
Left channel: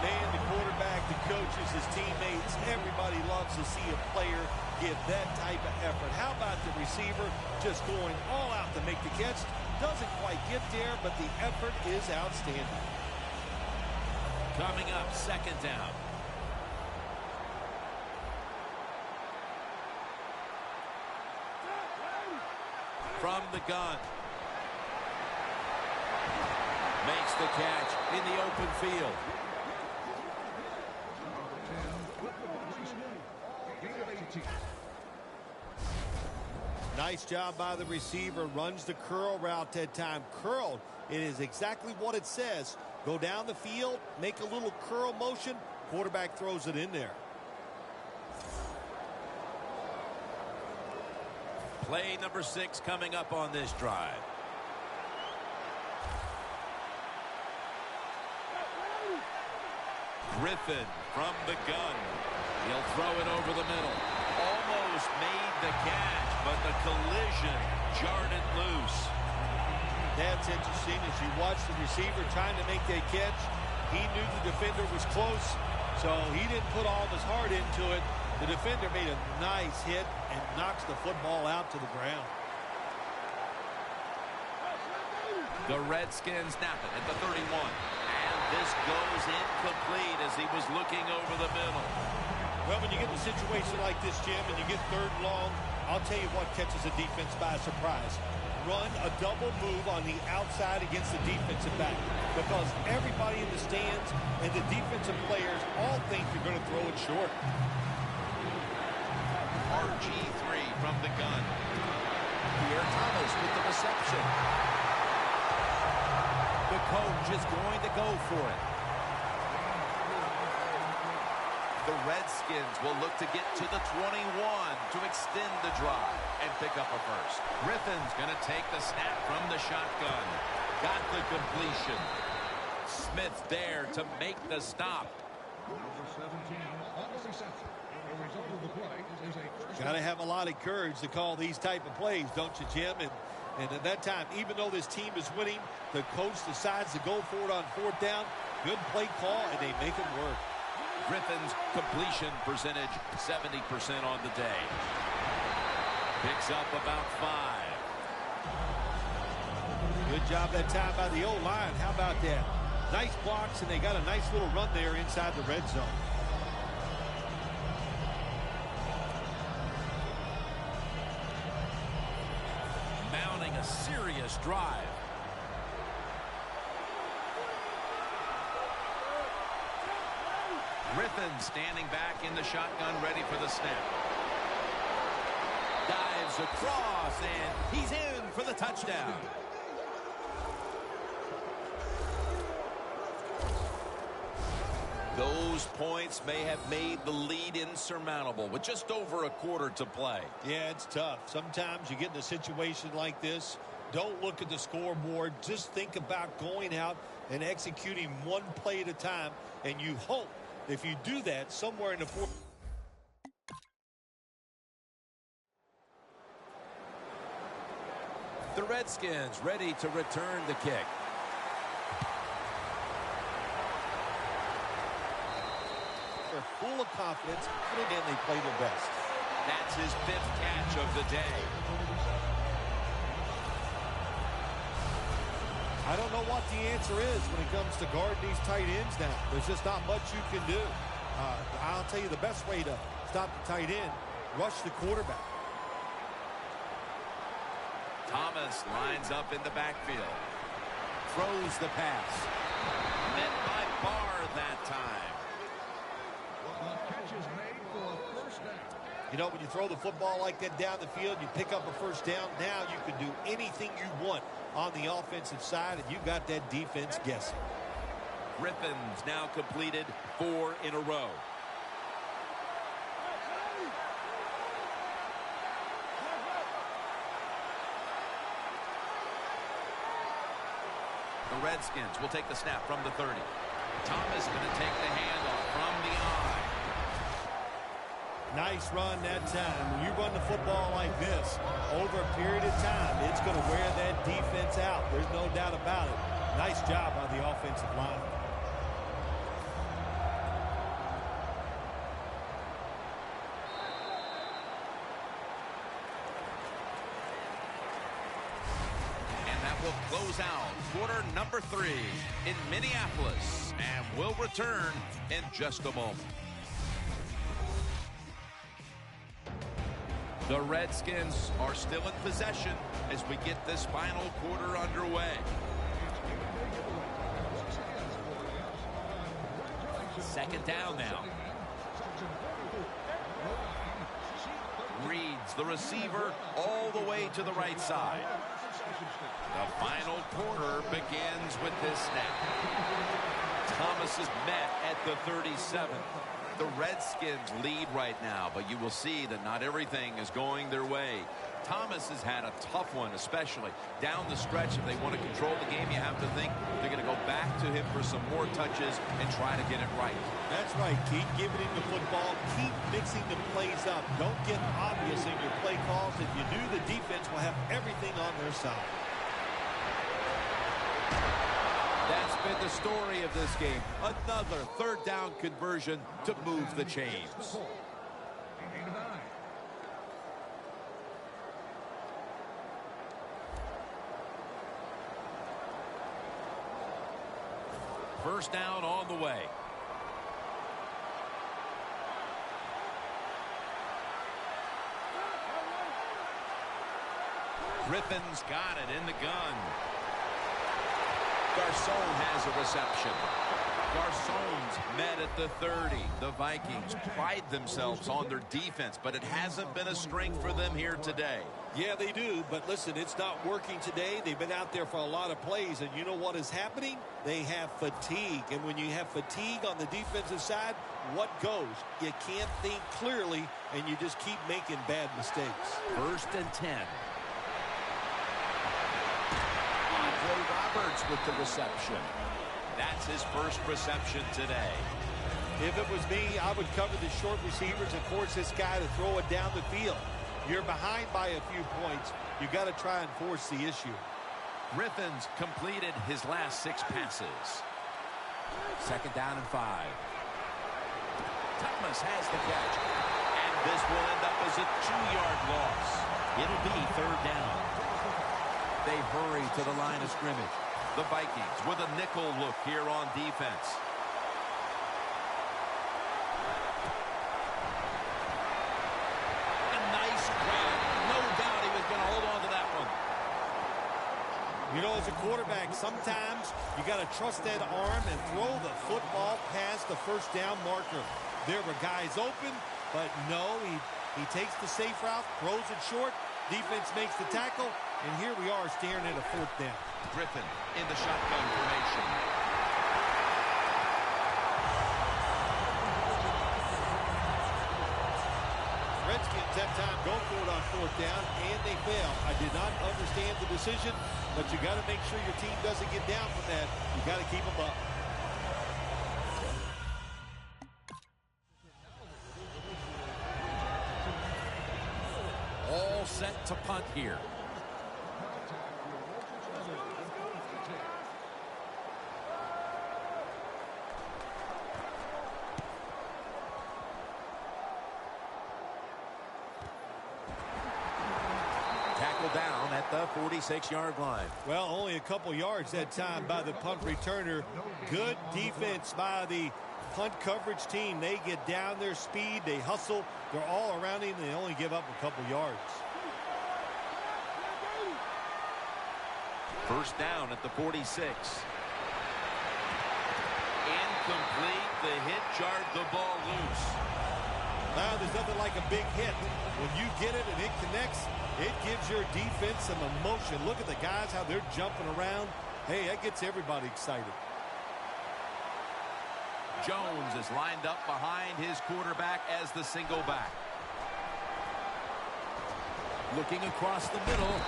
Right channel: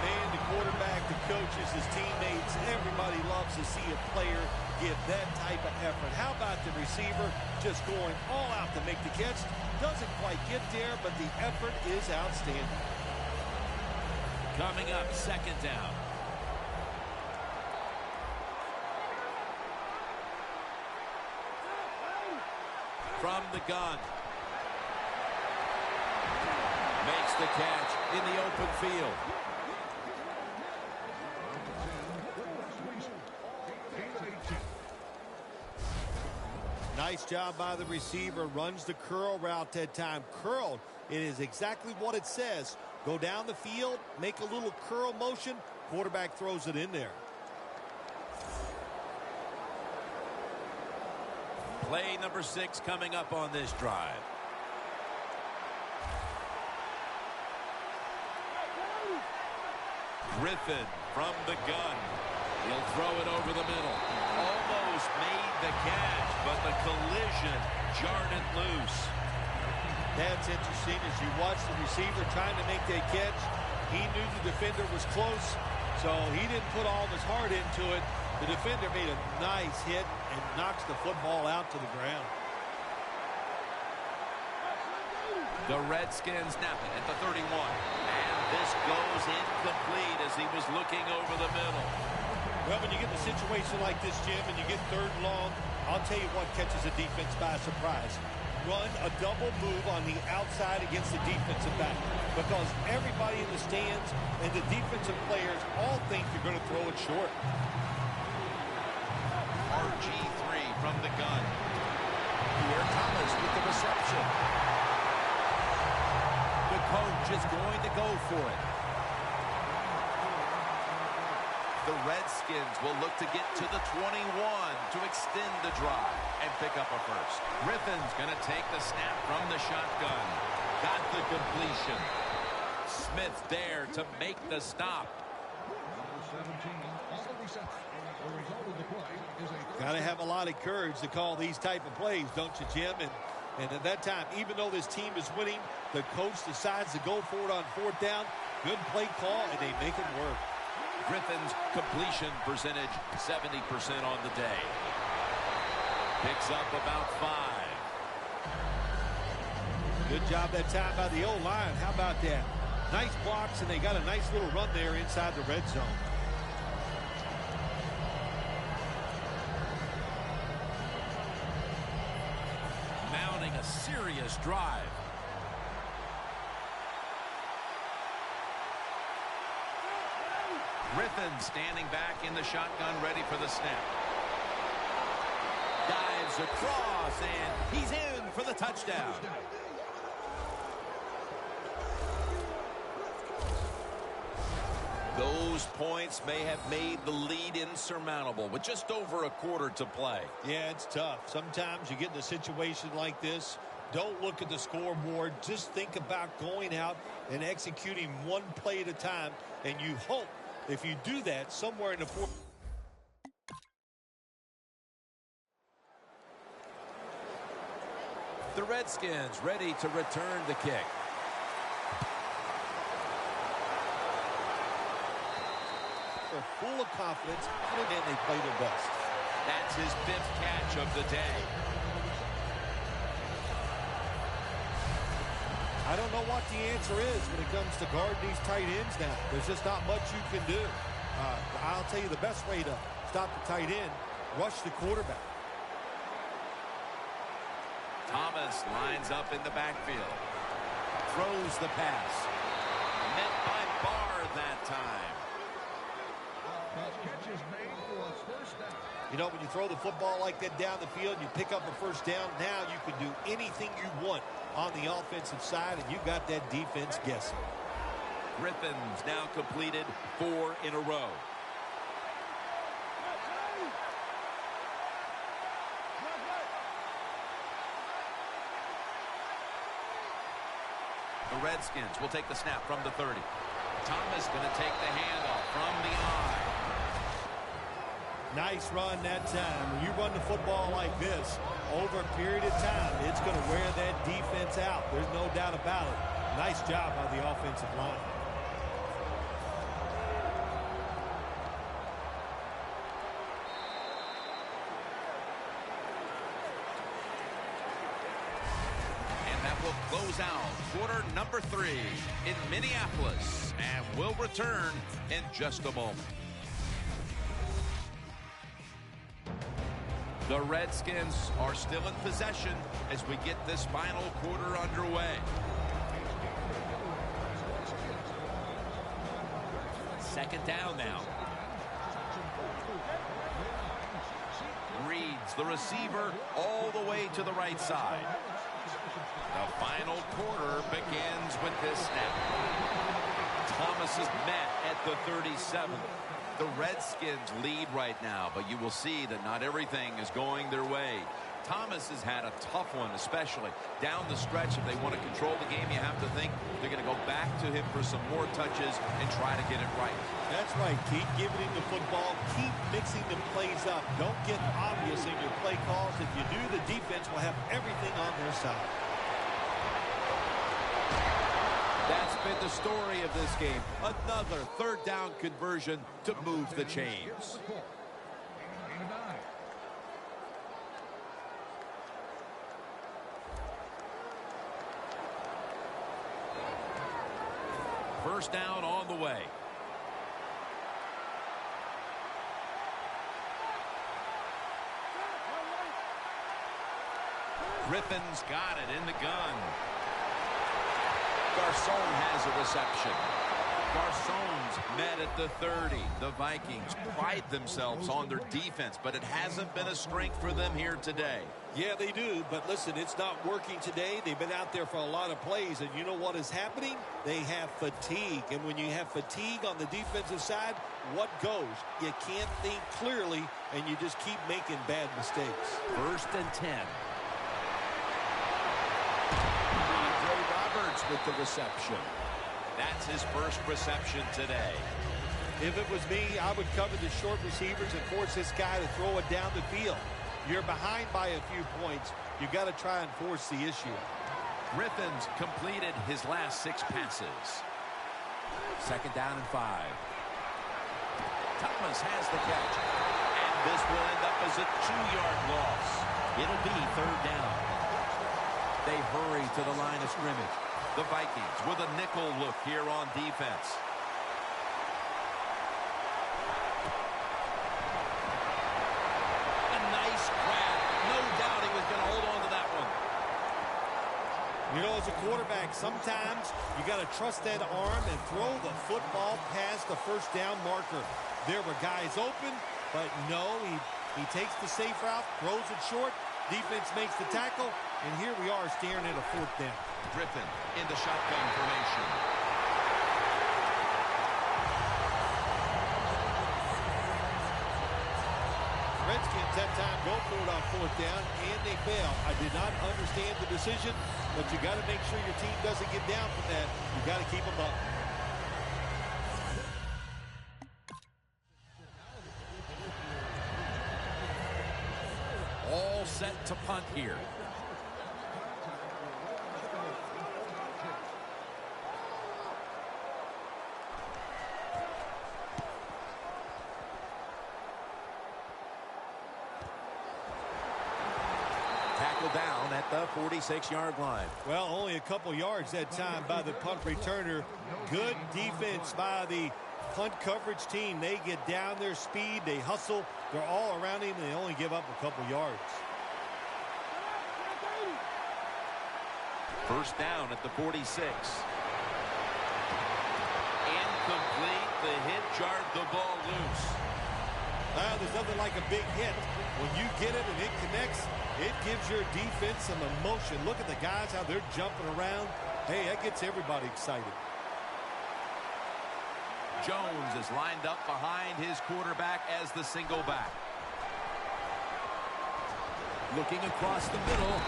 Man, the quarterback, the coaches, his teammates, everybody loves to see a player give that type of effort. How about the receiver just going all out to make the catch? Doesn't quite get there, but the effort is outstanding. Coming up, 2nd down. From the gun. Makes the catch in the open field. Nice job by the receiver. Runs the curl route that time. Curled. It is exactly what it says. Go down the field, make a little curl motion. Quarterback throws it in there. Play number 6 coming up on this drive. Griffin from the gun. He'll throw it over the middle. Almost made the catch, but the collision jarred it loose. That's interesting. As you watch the receiver trying to make that catch, he knew the defender was close, so he didn't put all of his heart into it. The defender made a nice hit and knocks the football out to the ground. The Redskins snap it at the 31. And this goes incomplete as he was looking over the middle. Well, when you get in a situation like this, Jim, and you get 3rd and long, I'll tell you what catches a defense by surprise. Run a double move on the outside against the defensive back, because everybody in the stands and the defensive players all think you're going to throw it short. RG3 from the gun. Here Thomas with the reception. The coach is going to go for it. The Redskins will look to get to the 21 to extend the drive and pick up a first. Griffin's going to take the snap from the shotgun. Got the completion. Smith there to make the stop. Got to have a lot of courage to call these type of plays, don't you, Jim? And at that time, even though this team is winning, the coach decides to go for it on 4th down. Good play call, and they make it work. Griffin's completion percentage 70% on the day. Picks up about 5. Good job that time by the O-line. How about that? Nice blocks, and they got a nice little run there inside the red zone. Mounting a serious drive. Griffin standing back in the shotgun, ready for the snap. Dives across, and he's in for the touchdown. Those points may have made the lead insurmountable with just over a quarter to play. Yeah, it's tough. Sometimes you get in a situation like this, don't look at the scoreboard. Just think about going out and executing one play at a time, and you hope if you do that somewhere in the fourth. The Redskins ready to return the kick. They're full of confidence, and they play their best. That's his 5th catch of the day. I don't know what the answer is when it comes to guarding these tight ends now. There's just not much you can do. I'll tell you the best way to stop the tight end, rush the quarterback. Thomas lines up in the backfield. Throws the pass. Met by Barr that time. You know, when you throw the football like that down the field, you pick up a 1st down. Now you can do anything you want on the offensive side, and you got that defense guessing. Griffin's now completed 4 in a row. The Redskins will take the snap from the 30. Thomas going to take the handoff from the eye. Nice run that time. When you run the football like this, over a period of time, it's going to wear that defense out. There's no doubt about it. Nice job by the offensive line. And that will close out quarter number 3 in Minneapolis. And we'll return in just a moment. The Redskins are still in possession as we get this final quarter underway. Second down now. Reads the receiver all the way to the right side. The final quarter begins with this snap. Thomas is met at the 37. The Redskins lead right now, but you will see that not everything is going their way. Thomas has had a tough one, especially down the stretch. If they want to control the game, you have to think they're going to go back to him for some more touches and try to get it right. That's right. Keep giving him the football. Keep mixing the plays up. Don't get obvious in your play calls. If you do, the defense will have everything on their side. That's been the story of this game. Another 3rd down conversion to move the chains. First down on the way. Griffin's got it in the gun. Garcon has a reception. Garcon's met at the 30. The Vikings pride themselves on their defense, but it hasn't been a strength for them here today. Yeah, they do, but listen, it's not working today. They've been out there for a lot of plays, and you know what is happening? They have fatigue, and when you have fatigue on the defensive side, what goes? You can't think clearly, and you just keep making bad mistakes. 1st and 10. Andre Roberts with the reception. That's his first reception today. If it was me, I would cover the short receivers and force this guy to throw it down the field. You're behind by a few points. You got to try and force the issue. Griffin's completed his last 6 passes. 2nd down and 5. Thomas has the catch. And this will end up as a 2-yard loss. It'll be 3rd down. They hurry to the line of scrimmage. The Vikings with a nickel look here on defense. A nice grab. No doubt he was going to hold on to that one. You know, as a quarterback, sometimes you got to trust that arm and throw the football past the first down marker. There were guys open, but no, he takes the safe route, throws it short. Defense makes the tackle, and here we are staring at a 4th down. Griffin in the shotgun formation. Redskins that time go for it on 4th down, and they fail. I did not understand the decision, but you got to make sure your team doesn't get down from that. You got to keep them up. All set to punt here. Tackle down at the 46-yard line. Well, only a couple yards that time by the punt returner. Good defense by the punt coverage team. They get down their speed. They hustle. They're all around him. They only give up a couple yards. 1st down at the 46. Incomplete. The hit jarred the ball loose. Now, there's nothing like a big hit. When you get it and it connects, it gives your defense some emotion. Look at the guys, how they're jumping around. Hey, that gets everybody excited. Jones is lined up behind his quarterback as the single back. Looking across the middle.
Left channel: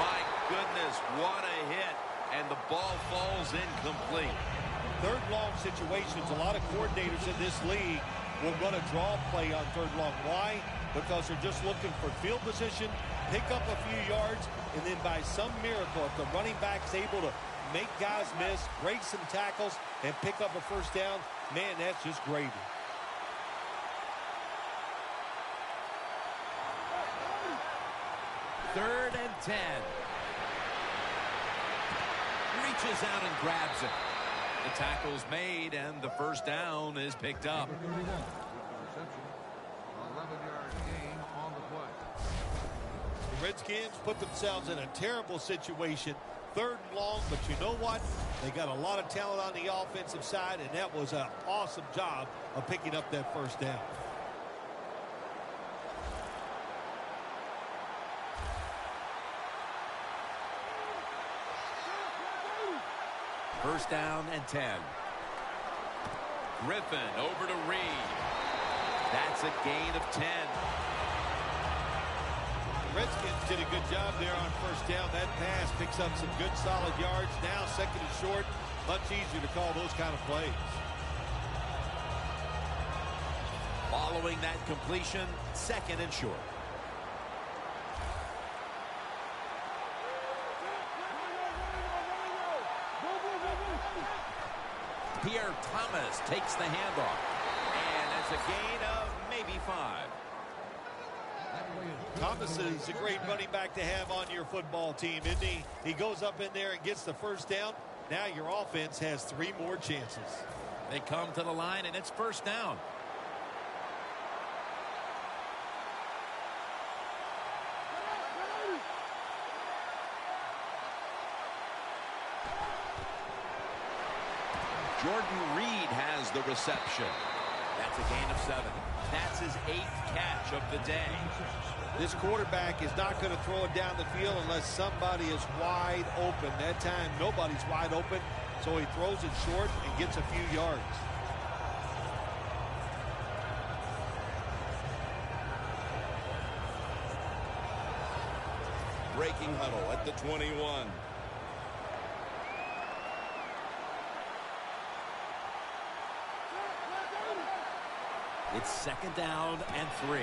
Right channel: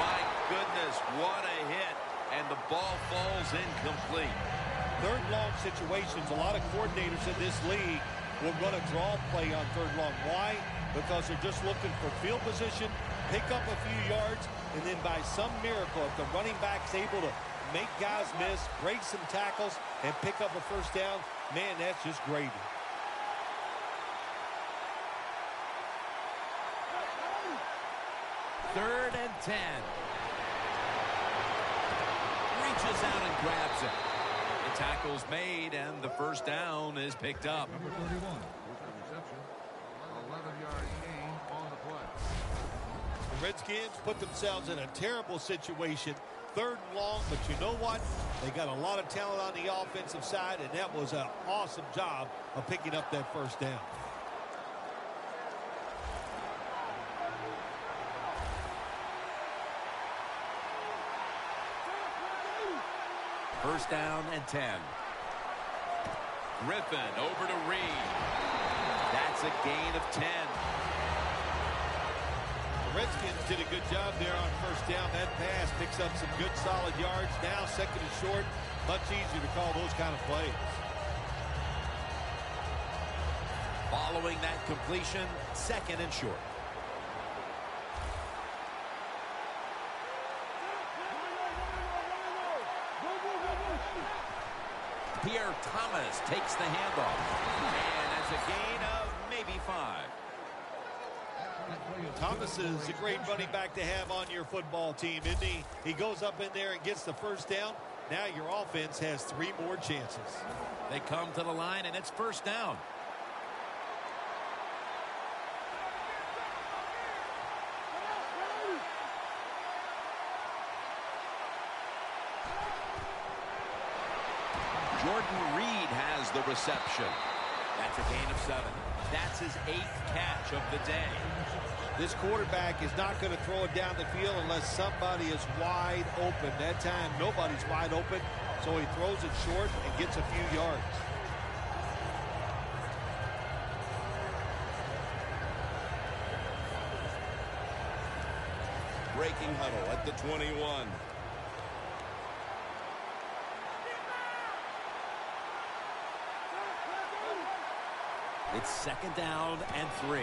My goodness, what a hit. And the ball falls incomplete. 3rd long situations, a lot of coordinators in this league will run a draw play on 3rd long. Why? Because they're just looking for field position, pick up a few yards, and then by some miracle, if the running back's able to make guys miss, break some tackles, and pick up a 1st down, man, that's just gravy. Third and 10. Reaches out and grabs it. The tackle's made, and the 1st down is picked up. The Redskins put themselves in a terrible situation. 3rd and long, but you know what? They got a lot of talent on the offensive side, and that was an awesome job of picking up that 1st down. First down and 10. Griffin over to Reed. That's a gain of 10. The Redskins did a good job there on 1st down. That pass picks up some good solid yards. Now 2nd and short. Much easier to call those kind of plays. Following that completion, 2nd and short. Pierre Thomas takes the handoff. And that's a gain of maybe 5. Thomas is a great running back to have on your football team, isn't he? He goes up in there and gets the 1st down. Now your offense has 3 more chances. They come to the line, and it's 1st down. Jordan Reed has the reception. That's a gain of 7. That's his 8th catch of the day. This quarterback is not going to throw it down the field unless somebody is wide open. That time, nobody's wide open, so he throws it short and gets a few yards. Breaking huddle at the 21. It's 2nd down and 3.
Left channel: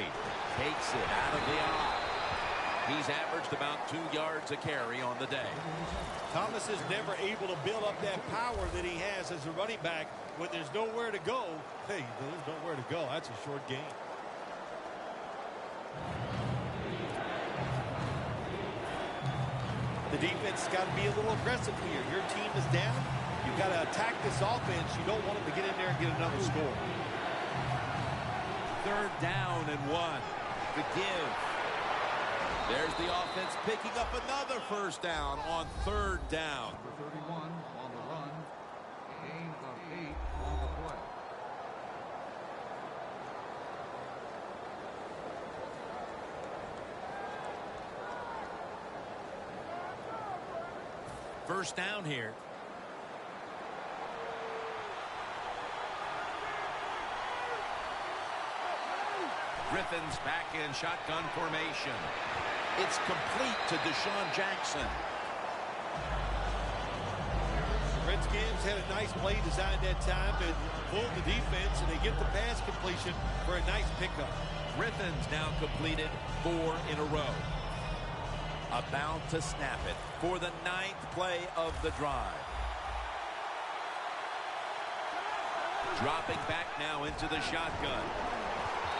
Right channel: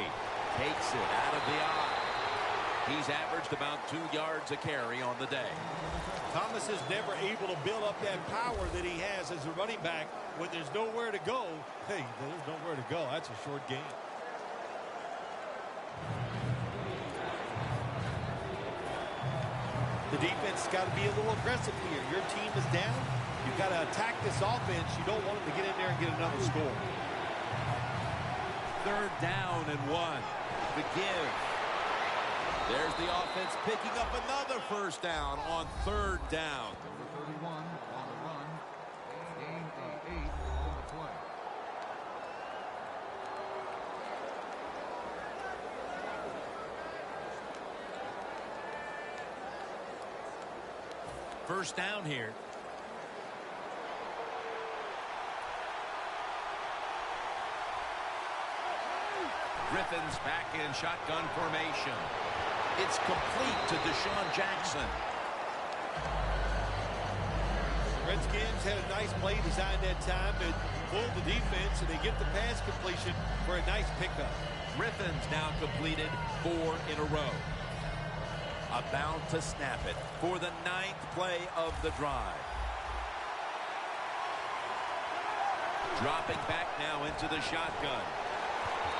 Takes it out of the eye. He's averaged about 2 yards a carry on the day. Thomas is never able to build up that power that he has as a running back when there's nowhere to go. Hey, there's nowhere to go. That's a short gain. The defense has got to be a little aggressive here. Your team is down. You've got to attack this offense. You don't want them to get in there and get another score. 3rd down and 1. The give. There's the offense picking up another 1st down on 3rd down. First down here. Griffin's back in shotgun formation. It's complete to Deshaun Jackson. Redskins had a nice play designed that time to fool the defense, and they get the pass completion for a nice pickup. Griffin's now completed 4 in a row. About to snap it for the 9th play of the drive. Dropping back now into the shotgun.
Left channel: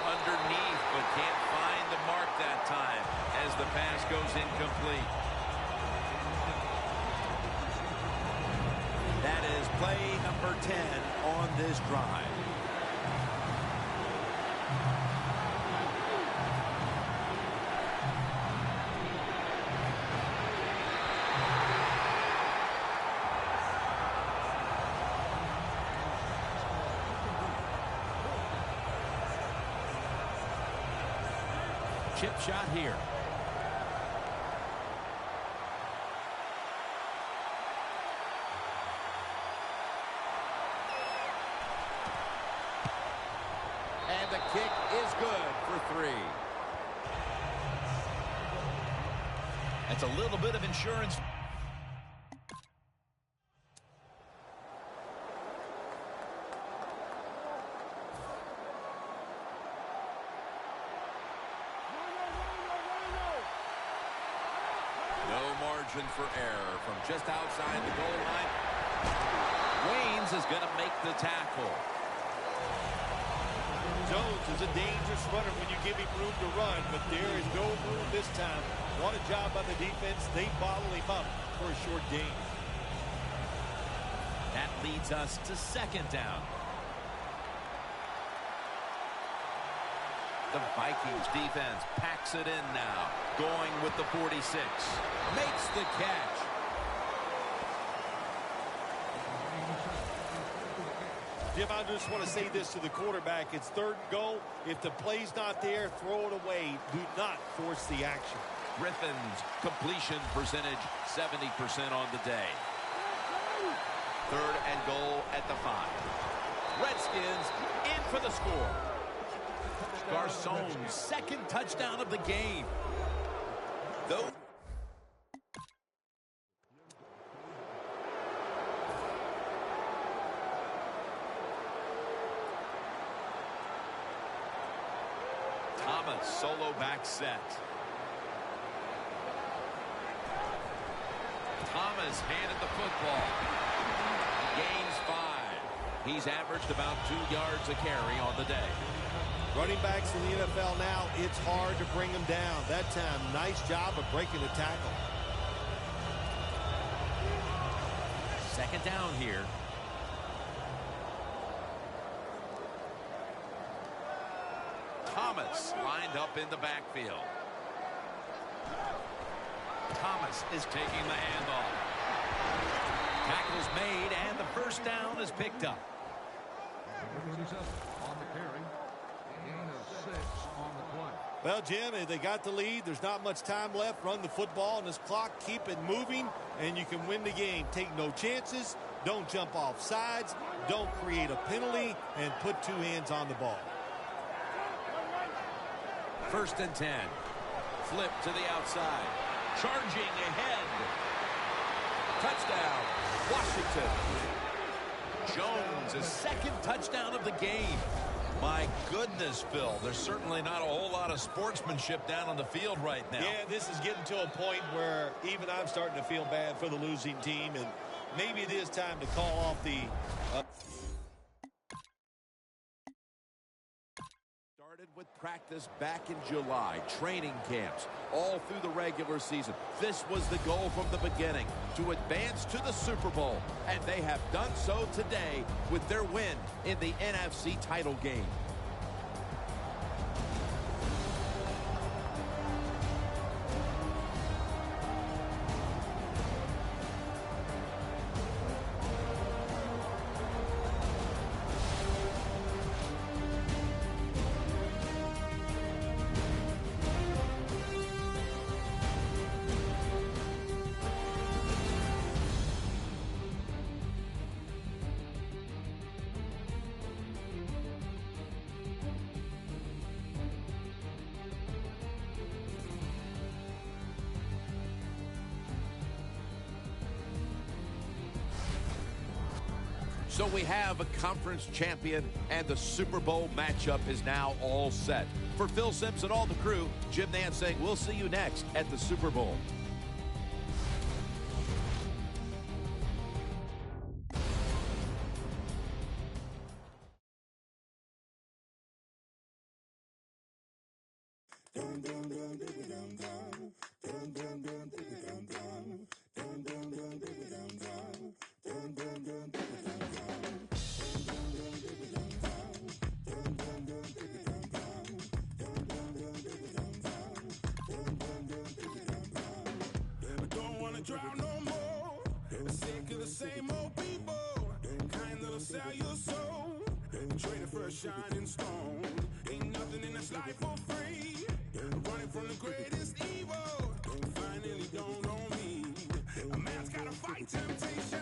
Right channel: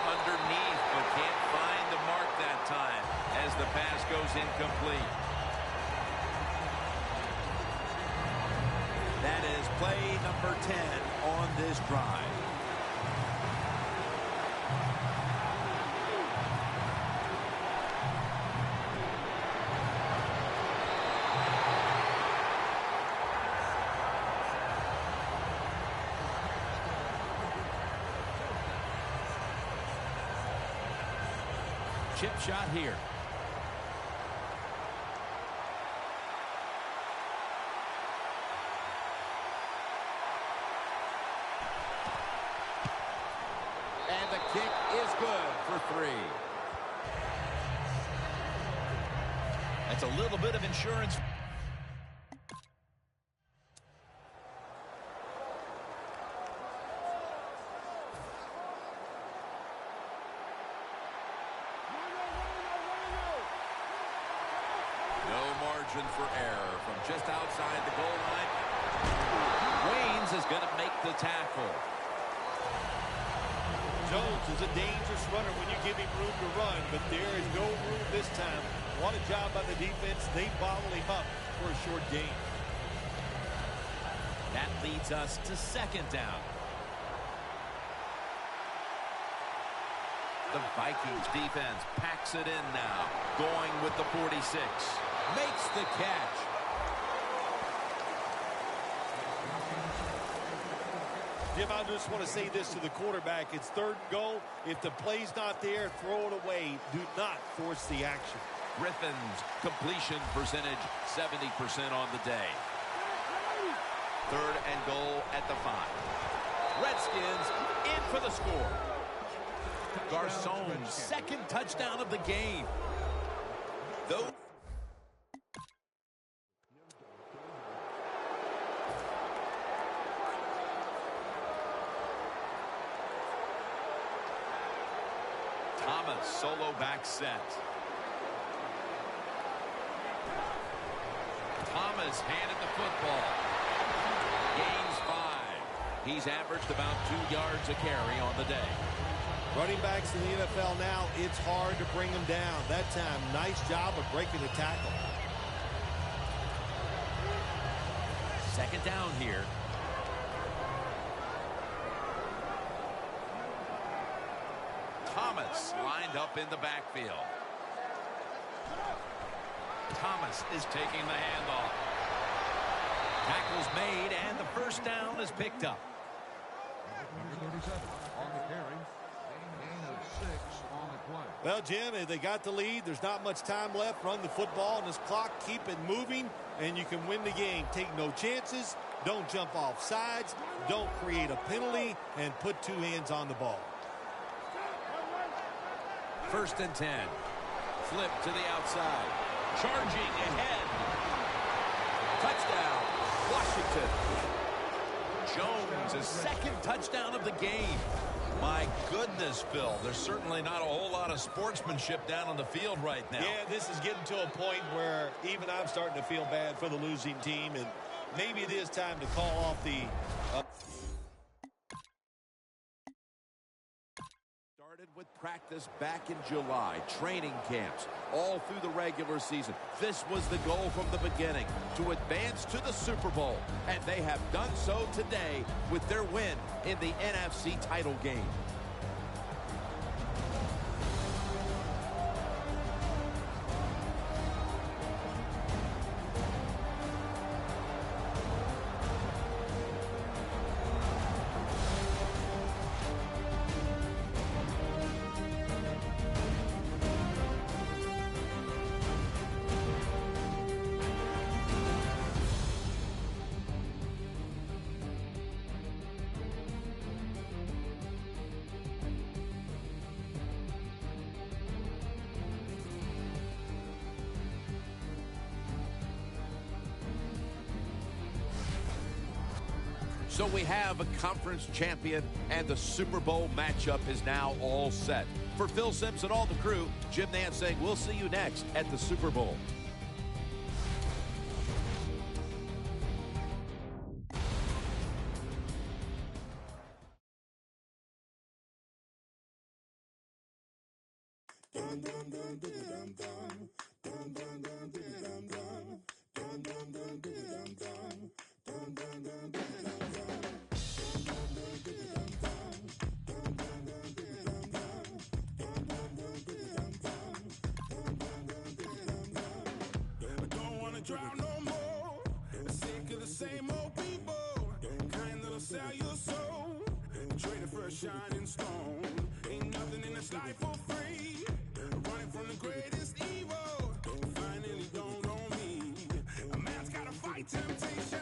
Underneath, but can't find the mark that time as the pass goes incomplete. That is play number 10 on this drive. Chip shot here. And the kick is good for 3. That's a little bit of insurance. For error from just outside the goal line. Waynes is going to make the tackle. Jones is a dangerous runner when you give him room to run, but there is no room this time. What a job by the defense. They bottle him up for a short gain. That leads us to 2nd down. The Vikings defense packs it in now, going with the 46. Makes the catch. Jim, I just want to say this to the quarterback. It's 3rd and goal. If the play's not there, throw it away. Do not force the action. Griffin's completion percentage 70% on the day. 3rd and goal at the 5. Redskins in for the score. Garcon's 2nd touchdown of the game. Though Thomas solo back set. Thomas handed the football. Gains 5. He's averaged about 2 yards a carry on the day. Running backs in the NFL now, it's hard to bring them down. That time, nice job of breaking the tackle. 2nd down here. Thomas lined up in the backfield. Thomas is taking the handoff. Tackle's made, and the 1st down is picked up. Well, Jim, they got the lead. There's not much time left. Run the football on this clock. Keep it moving, and you can win the game. Take no chances. Don't jump off sides. Don't create a penalty, and put 2 hands on the ball. 1st and 10. Flip to the outside. Charging ahead. Touchdown, Washington. Jones' 2nd touchdown of the game. My goodness, Phil, there's certainly not a whole lot of sportsmanship down on the field right now. Yeah, this is getting to a point where even I'm starting to feel bad for the losing team, and maybe it is time to call off the... Started with practice back in July, training camps, all through the regular season. This was the goal from the beginning, to advance to the Super Bowl, and they have done so today with their win in the NFC title game. So we have a conference champion, and the Super Bowl matchup is now all set. For Phil Simms and all the crew, Jim Nantz saying we'll see you next at the Super Bowl. Drown no more. Sick of the same old people. Kind that'll sell your soul. Traded for a shining stone. Ain't nothing in this life for free. Running from the greatest evil. Finally don't own me. A man's gotta fight temptation.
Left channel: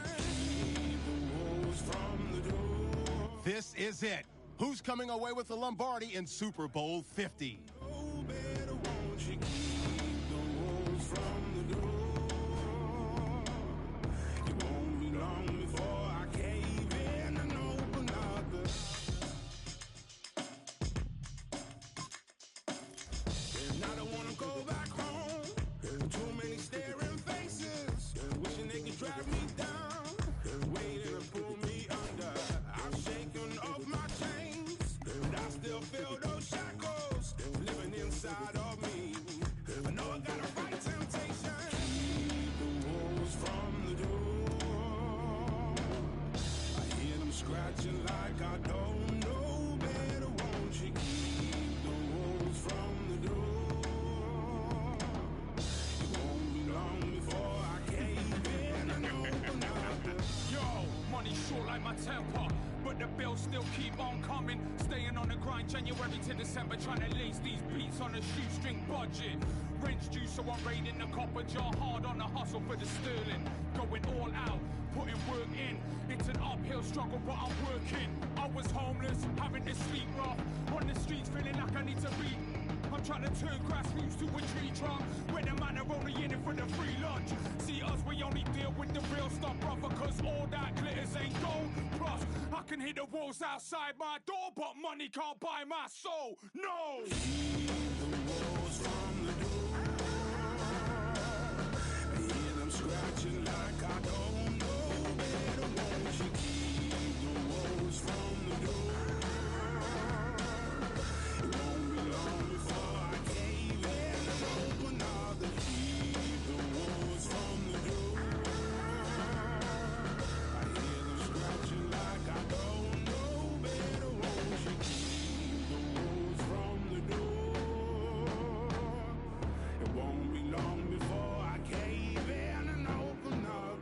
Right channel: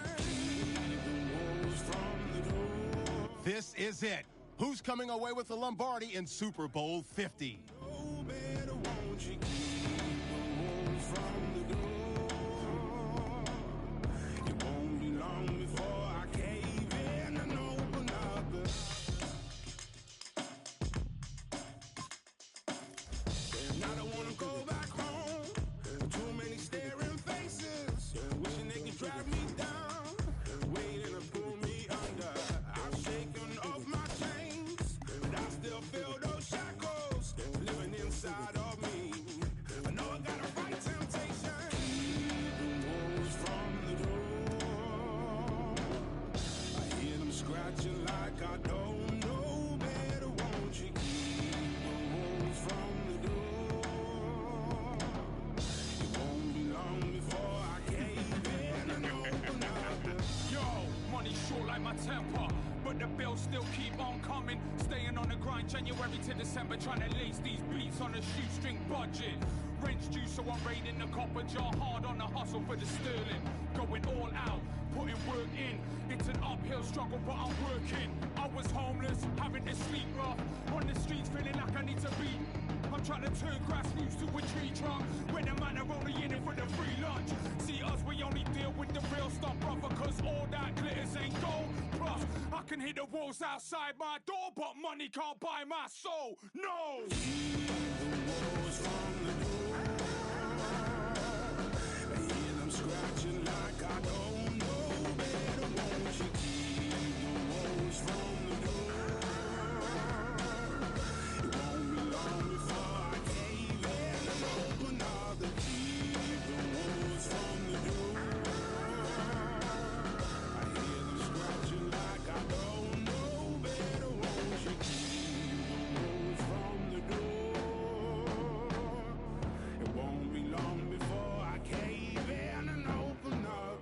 Keep the wolves from the door. This is it. Who's coming away with the Lombardi in Super Bowl 50? Oh, better won't you keep the wolves from the door. Before I cave in and open up and I don't want to go back home. Too many staring faces, wishing they could drag me down, waiting to pull me under. I've shaken off my chains, but I still feel those shackles living inside of me. I know I gotta fight temptation. Keep the wolves from the door. Scratching like I don't know better, won't you keep the wolves from the door? It won't be long before I cave in and open up. Yo, money short like my temper, but the bills still keep on coming. Staying on the grind January to December, trying to lace these beats on a shoestring budget. Rent's due, so I'm raiding the copper jar, hard on the hustle for the sterling. Going all out, putting work in. It's an uphill struggle, but I'm working. I was homeless, having to sleep rough. On the streets, feeling like I need to be. I'm trying to turn grassroots to a tree trunk, where the man are only in it for the free lunch. See us, we only deal with the real stuff, brother, cause all that glitters ain't gold. Plus, I can hit the walls outside my door, but money can't buy my soul. No! Keep the wolves from the door. I hear them scratching like I don't know better, won't you keep the wolves from the door? It won't be long before I cave in and open up the keep the wolves from the door. I hear them scratching like I don't know better, won't you keep the wolves from the door? It won't be long before I cave in and open up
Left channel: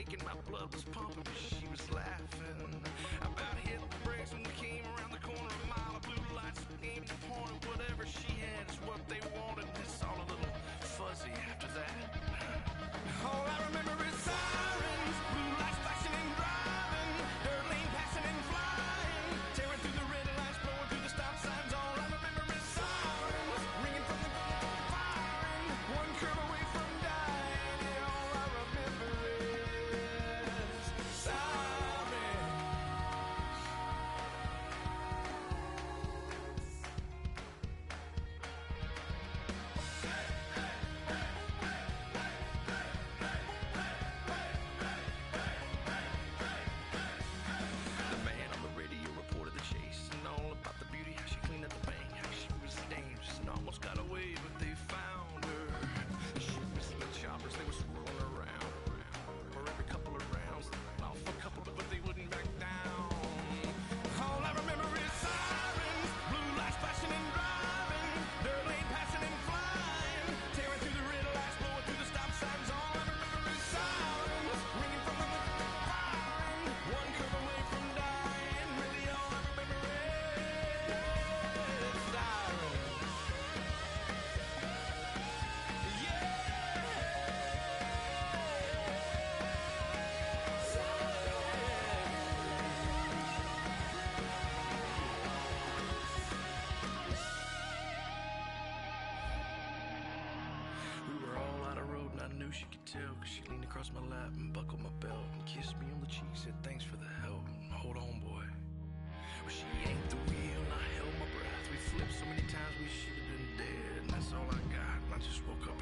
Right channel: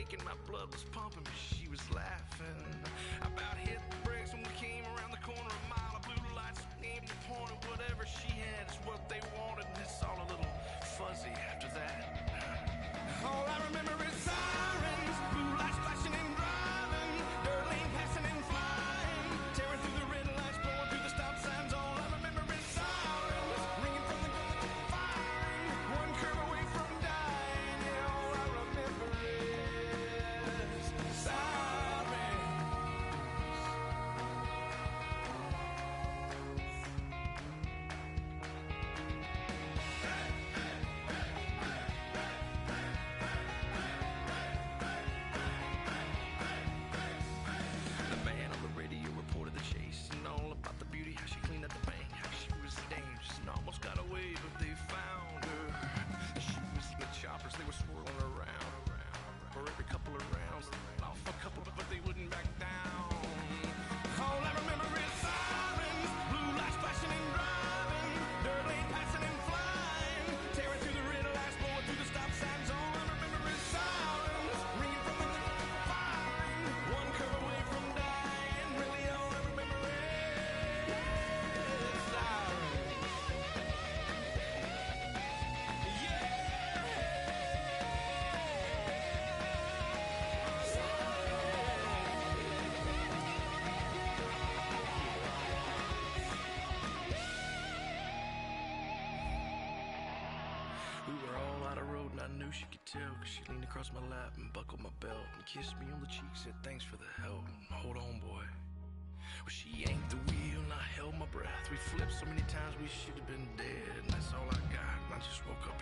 shaking, my blood was pumping, but she was laughing. I about hit the brakes when we came around the corner, a mile of blue lights aimed and pointed. Whatever she had is what they wanted, and it's all a little fuzzy after that. All I remember is sirens, blue lights flashing and driving, dirt lane passing and flying, tearing through the red lights, blowing through the stop signs. All I remember is sirens, ringing from the firing, one curve away from dying. Yeah, all I remember is sirens. The man on the radio reported the chase and all about the beauty, how she cleaned up the bank, how she was dangerous and almost got away, but they found her. She was in the choppers, they were swirling around. For every couple of rounds, off a couple, but they wouldn't back down. All I remember is sirens, blue lights flashing and driving, dirt lane passing and flying, tearing through the red lights, blowing through the stop signs. All I remember is sirens, ringing from the firing, one curve away from dying. Really, all I remember is sirens. We were all out of road and I knew she could tell, cause she leaned across my lap and buckled my belt and kissed me on the cheek, said thanks for the help and hold on, boy. Well, she yanked the wheel and I held my breath. We flipped so many times we should have been dead, and that's all I got. And I just woke up